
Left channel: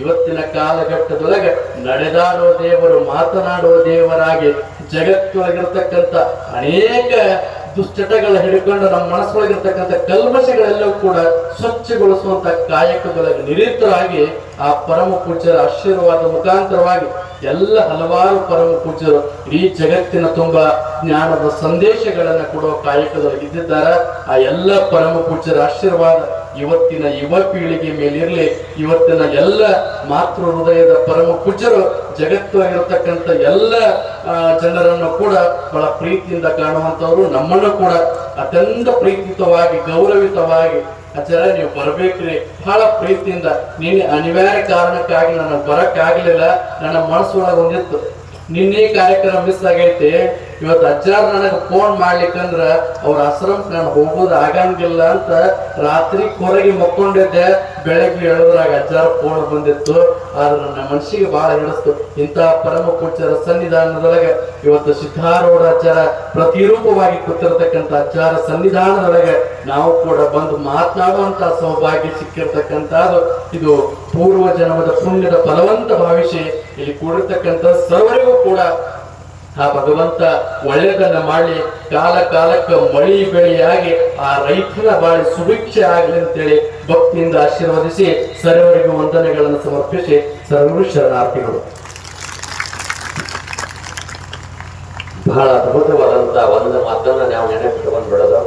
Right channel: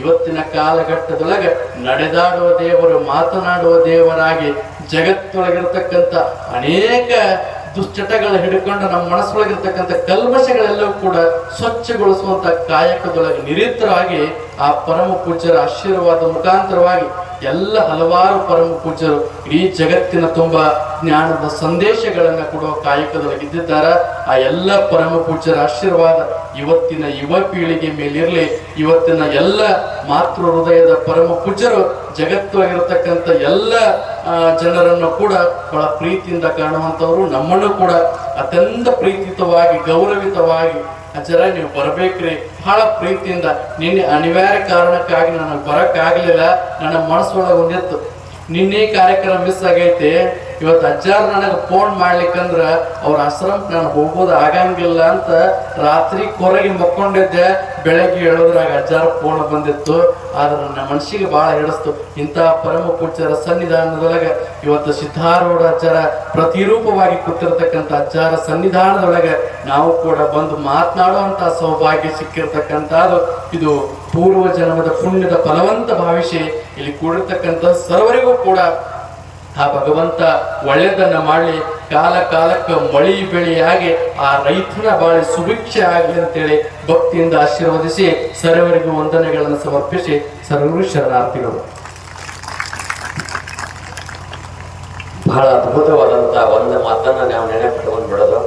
ಇವತ್ತಿನ ಕಾಲಘಟ್ಟದೊಳಗೆ ನಡೆದಾಡುವ ದೇವರು, ಮಾತನಾಡುವ ದೇವರಾಗಿ ಜಗತ್ತೊಳಗಿರ್ತಕ್ಕಂಥ ಅನೇಕ ದುಶ್ಚಟಗಳ ಹಿಡ್ಕೊಂಡು ನಮ್ಮ ಮನಸ್ಸೊಳಗಿರ್ತಕ್ಕಂಥ ಕಲ್ಮಶಗಳೆಲ್ಲವೂ ಕೂಡ ಸ್ವಚ್ಛಗೊಳಿಸುವಂತ ಕಾಯಕದೊಳಗೆ ನಿರತರಾಗಿ ಆ ಪರಮ ಪೂಜ್ಯರ ಆಶೀರ್ವಾದ ಮುಖಾಂತರವಾಗಿ ಎಲ್ಲ ಹಲವಾರು ಪರಮ ಪೂಜ್ಯರು ಇಡೀ ಜಗತ್ತಿನ ತುಂಬಾ ಜ್ಞಾನದ ಸಂದೇಶಗಳನ್ನ ಕೊಡುವ ಕಾಯಕದೊಳಗೆ ಇದ್ದಿದ್ದಾರೆ. ಆ ಎಲ್ಲ ಪರಮ ಪೂಜ್ಯರ ಆಶೀರ್ವಾದ ಇವತ್ತಿನ ಯುವ ಪೀಳಿಗೆ ಮೇಲಿರಲಿ. ಇವತ್ತಿನ ಎಲ್ಲ ಮಾತೃ ಹೃದಯದ ಪರಮ ಪೂಜ್ಯರು ಜಗತ್ತೊಳಗಿರತಕ್ಕಂಥ ಎಲ್ಲ ಜನರನ್ನು ಕೂಡ ಬಹಳ ಪ್ರೀತಿಯಿಂದ ಕಾಣುವಂತವ್ರು. ನಮ್ಮನ್ನು ಕೂಡ ಅತ್ಯಂತ ಪ್ರೀತಿತವಾಗಿ ಗೌರವಿತವಾಗಿ ಅಜ್ಜರ ನೀವು ಬರ್ಬೇಕ್ರಿ ಬಹಳ ಪ್ರೀತಿಯಿಂದ. ನಿನ್ನೆ ಅನಿವಾರ್ಯ ಕಾರಣಕ್ಕಾಗಿ ನನಗೆ ಬರಕ್ಕಾಗಲಿಲ್ಲ, ನನ್ನ ಮನಸ್ಸೊಳಗೆ ಒಂದಿತ್ತು ನಿನ್ನೆ ಕಾರ್ಯಕ್ರಮ ಮಿಸ್ ಆಗೈತಿ. ಇವತ್ತು ಅಜ್ಜಾರ್ ನನಗೆ ಫೋನ್ ಮಾಡ್ಲಿಕ್ಕಂದ್ರ ಅವ್ರ ಆಶ್ರಮಕ್ಕೆ ನಾನು ಹೋಗೋದು ಆಗಂಗಿಲ್ಲ ಅಂತ ರಾತ್ರಿ ಹೊರಗೆ ಮಕ್ಕೊಂಡಿದ್ದೆ. ಬೆಳಗ್ಗೆ ಹೇಳೋದ್ರಾಗ ಅಜ್ಜಾರ ಫೋನ್ ಬಂದಿತ್ತು. ಆದ್ರೆ ನನ್ನ ಮನಸ್ಸಿಗೆ ಬಹಳ ಹಿಡಿಸ್ತು. ಇಂತಹ ಪರಮ ಪೂಜ್ಯರ ಸನ್ನಿಧಾನದೊಳಗೆ ಇವತ್ತು ಸಿದ್ಧಾರೂಢ ಅಜ್ಜರ ಪ್ರತಿರೂಪವಾಗಿ ಕೂತಿರ್ತಕ್ಕಂಥ ಅಜ್ಜಾರ ಸನ್ನಿಧಾನದೊಳಗೆ ನಾವು ಕೂಡ ಬಂದು ಮಾತನಾಡುವಂತಹ ಸೌಭಾಗ್ಯ ಸಿಕ್ಕಿರ್ತಕ್ಕಂಥದ್ದು. ಇದು ಪೂರ್ವ ಜನ್ಮದ ಪುಣ್ಯದ ಫಲವಂತ ಭಾವಿಸಿ ಇಲ್ಲಿ ಕೂಡಿರ್ತಕ್ಕಂಥ ಸರ್ವರಿಗೂ ಕೂಡ ಆ ಭಗವಂತ ಒಳ್ಳೆಯದನ್ನ ಮಾಡಿ ಕಾಲ ಕಾಲಕ್ಕೆ ಮಳಿ ಬೆಳೆಯಾಗಿ ಆ ರೈತನ ಬಾಳಿ ಸುಭಿಕ್ಷೆ ಆಗಲಿ ಅಂತೇಳಿ ಭಕ್ತಿಯಿಂದ ಆಶೀರ್ವದಿಸಿ ಸರ್ವರಿಗೂ ವಂದನೆಗಳನ್ನು ಸಮರ್ಪಿಸಿ ಸರ್ವರು ಶರಣಾರ್ಥಿಗಳು. ಬಹಳ ಅದ್ಭುತವಾದಂತಹ ಒಂದು ಮಾತನ್ನ ನಾವು ನೆನಪಿಟ್ಟುಕೊಂಡು ಬಿಡೋದು.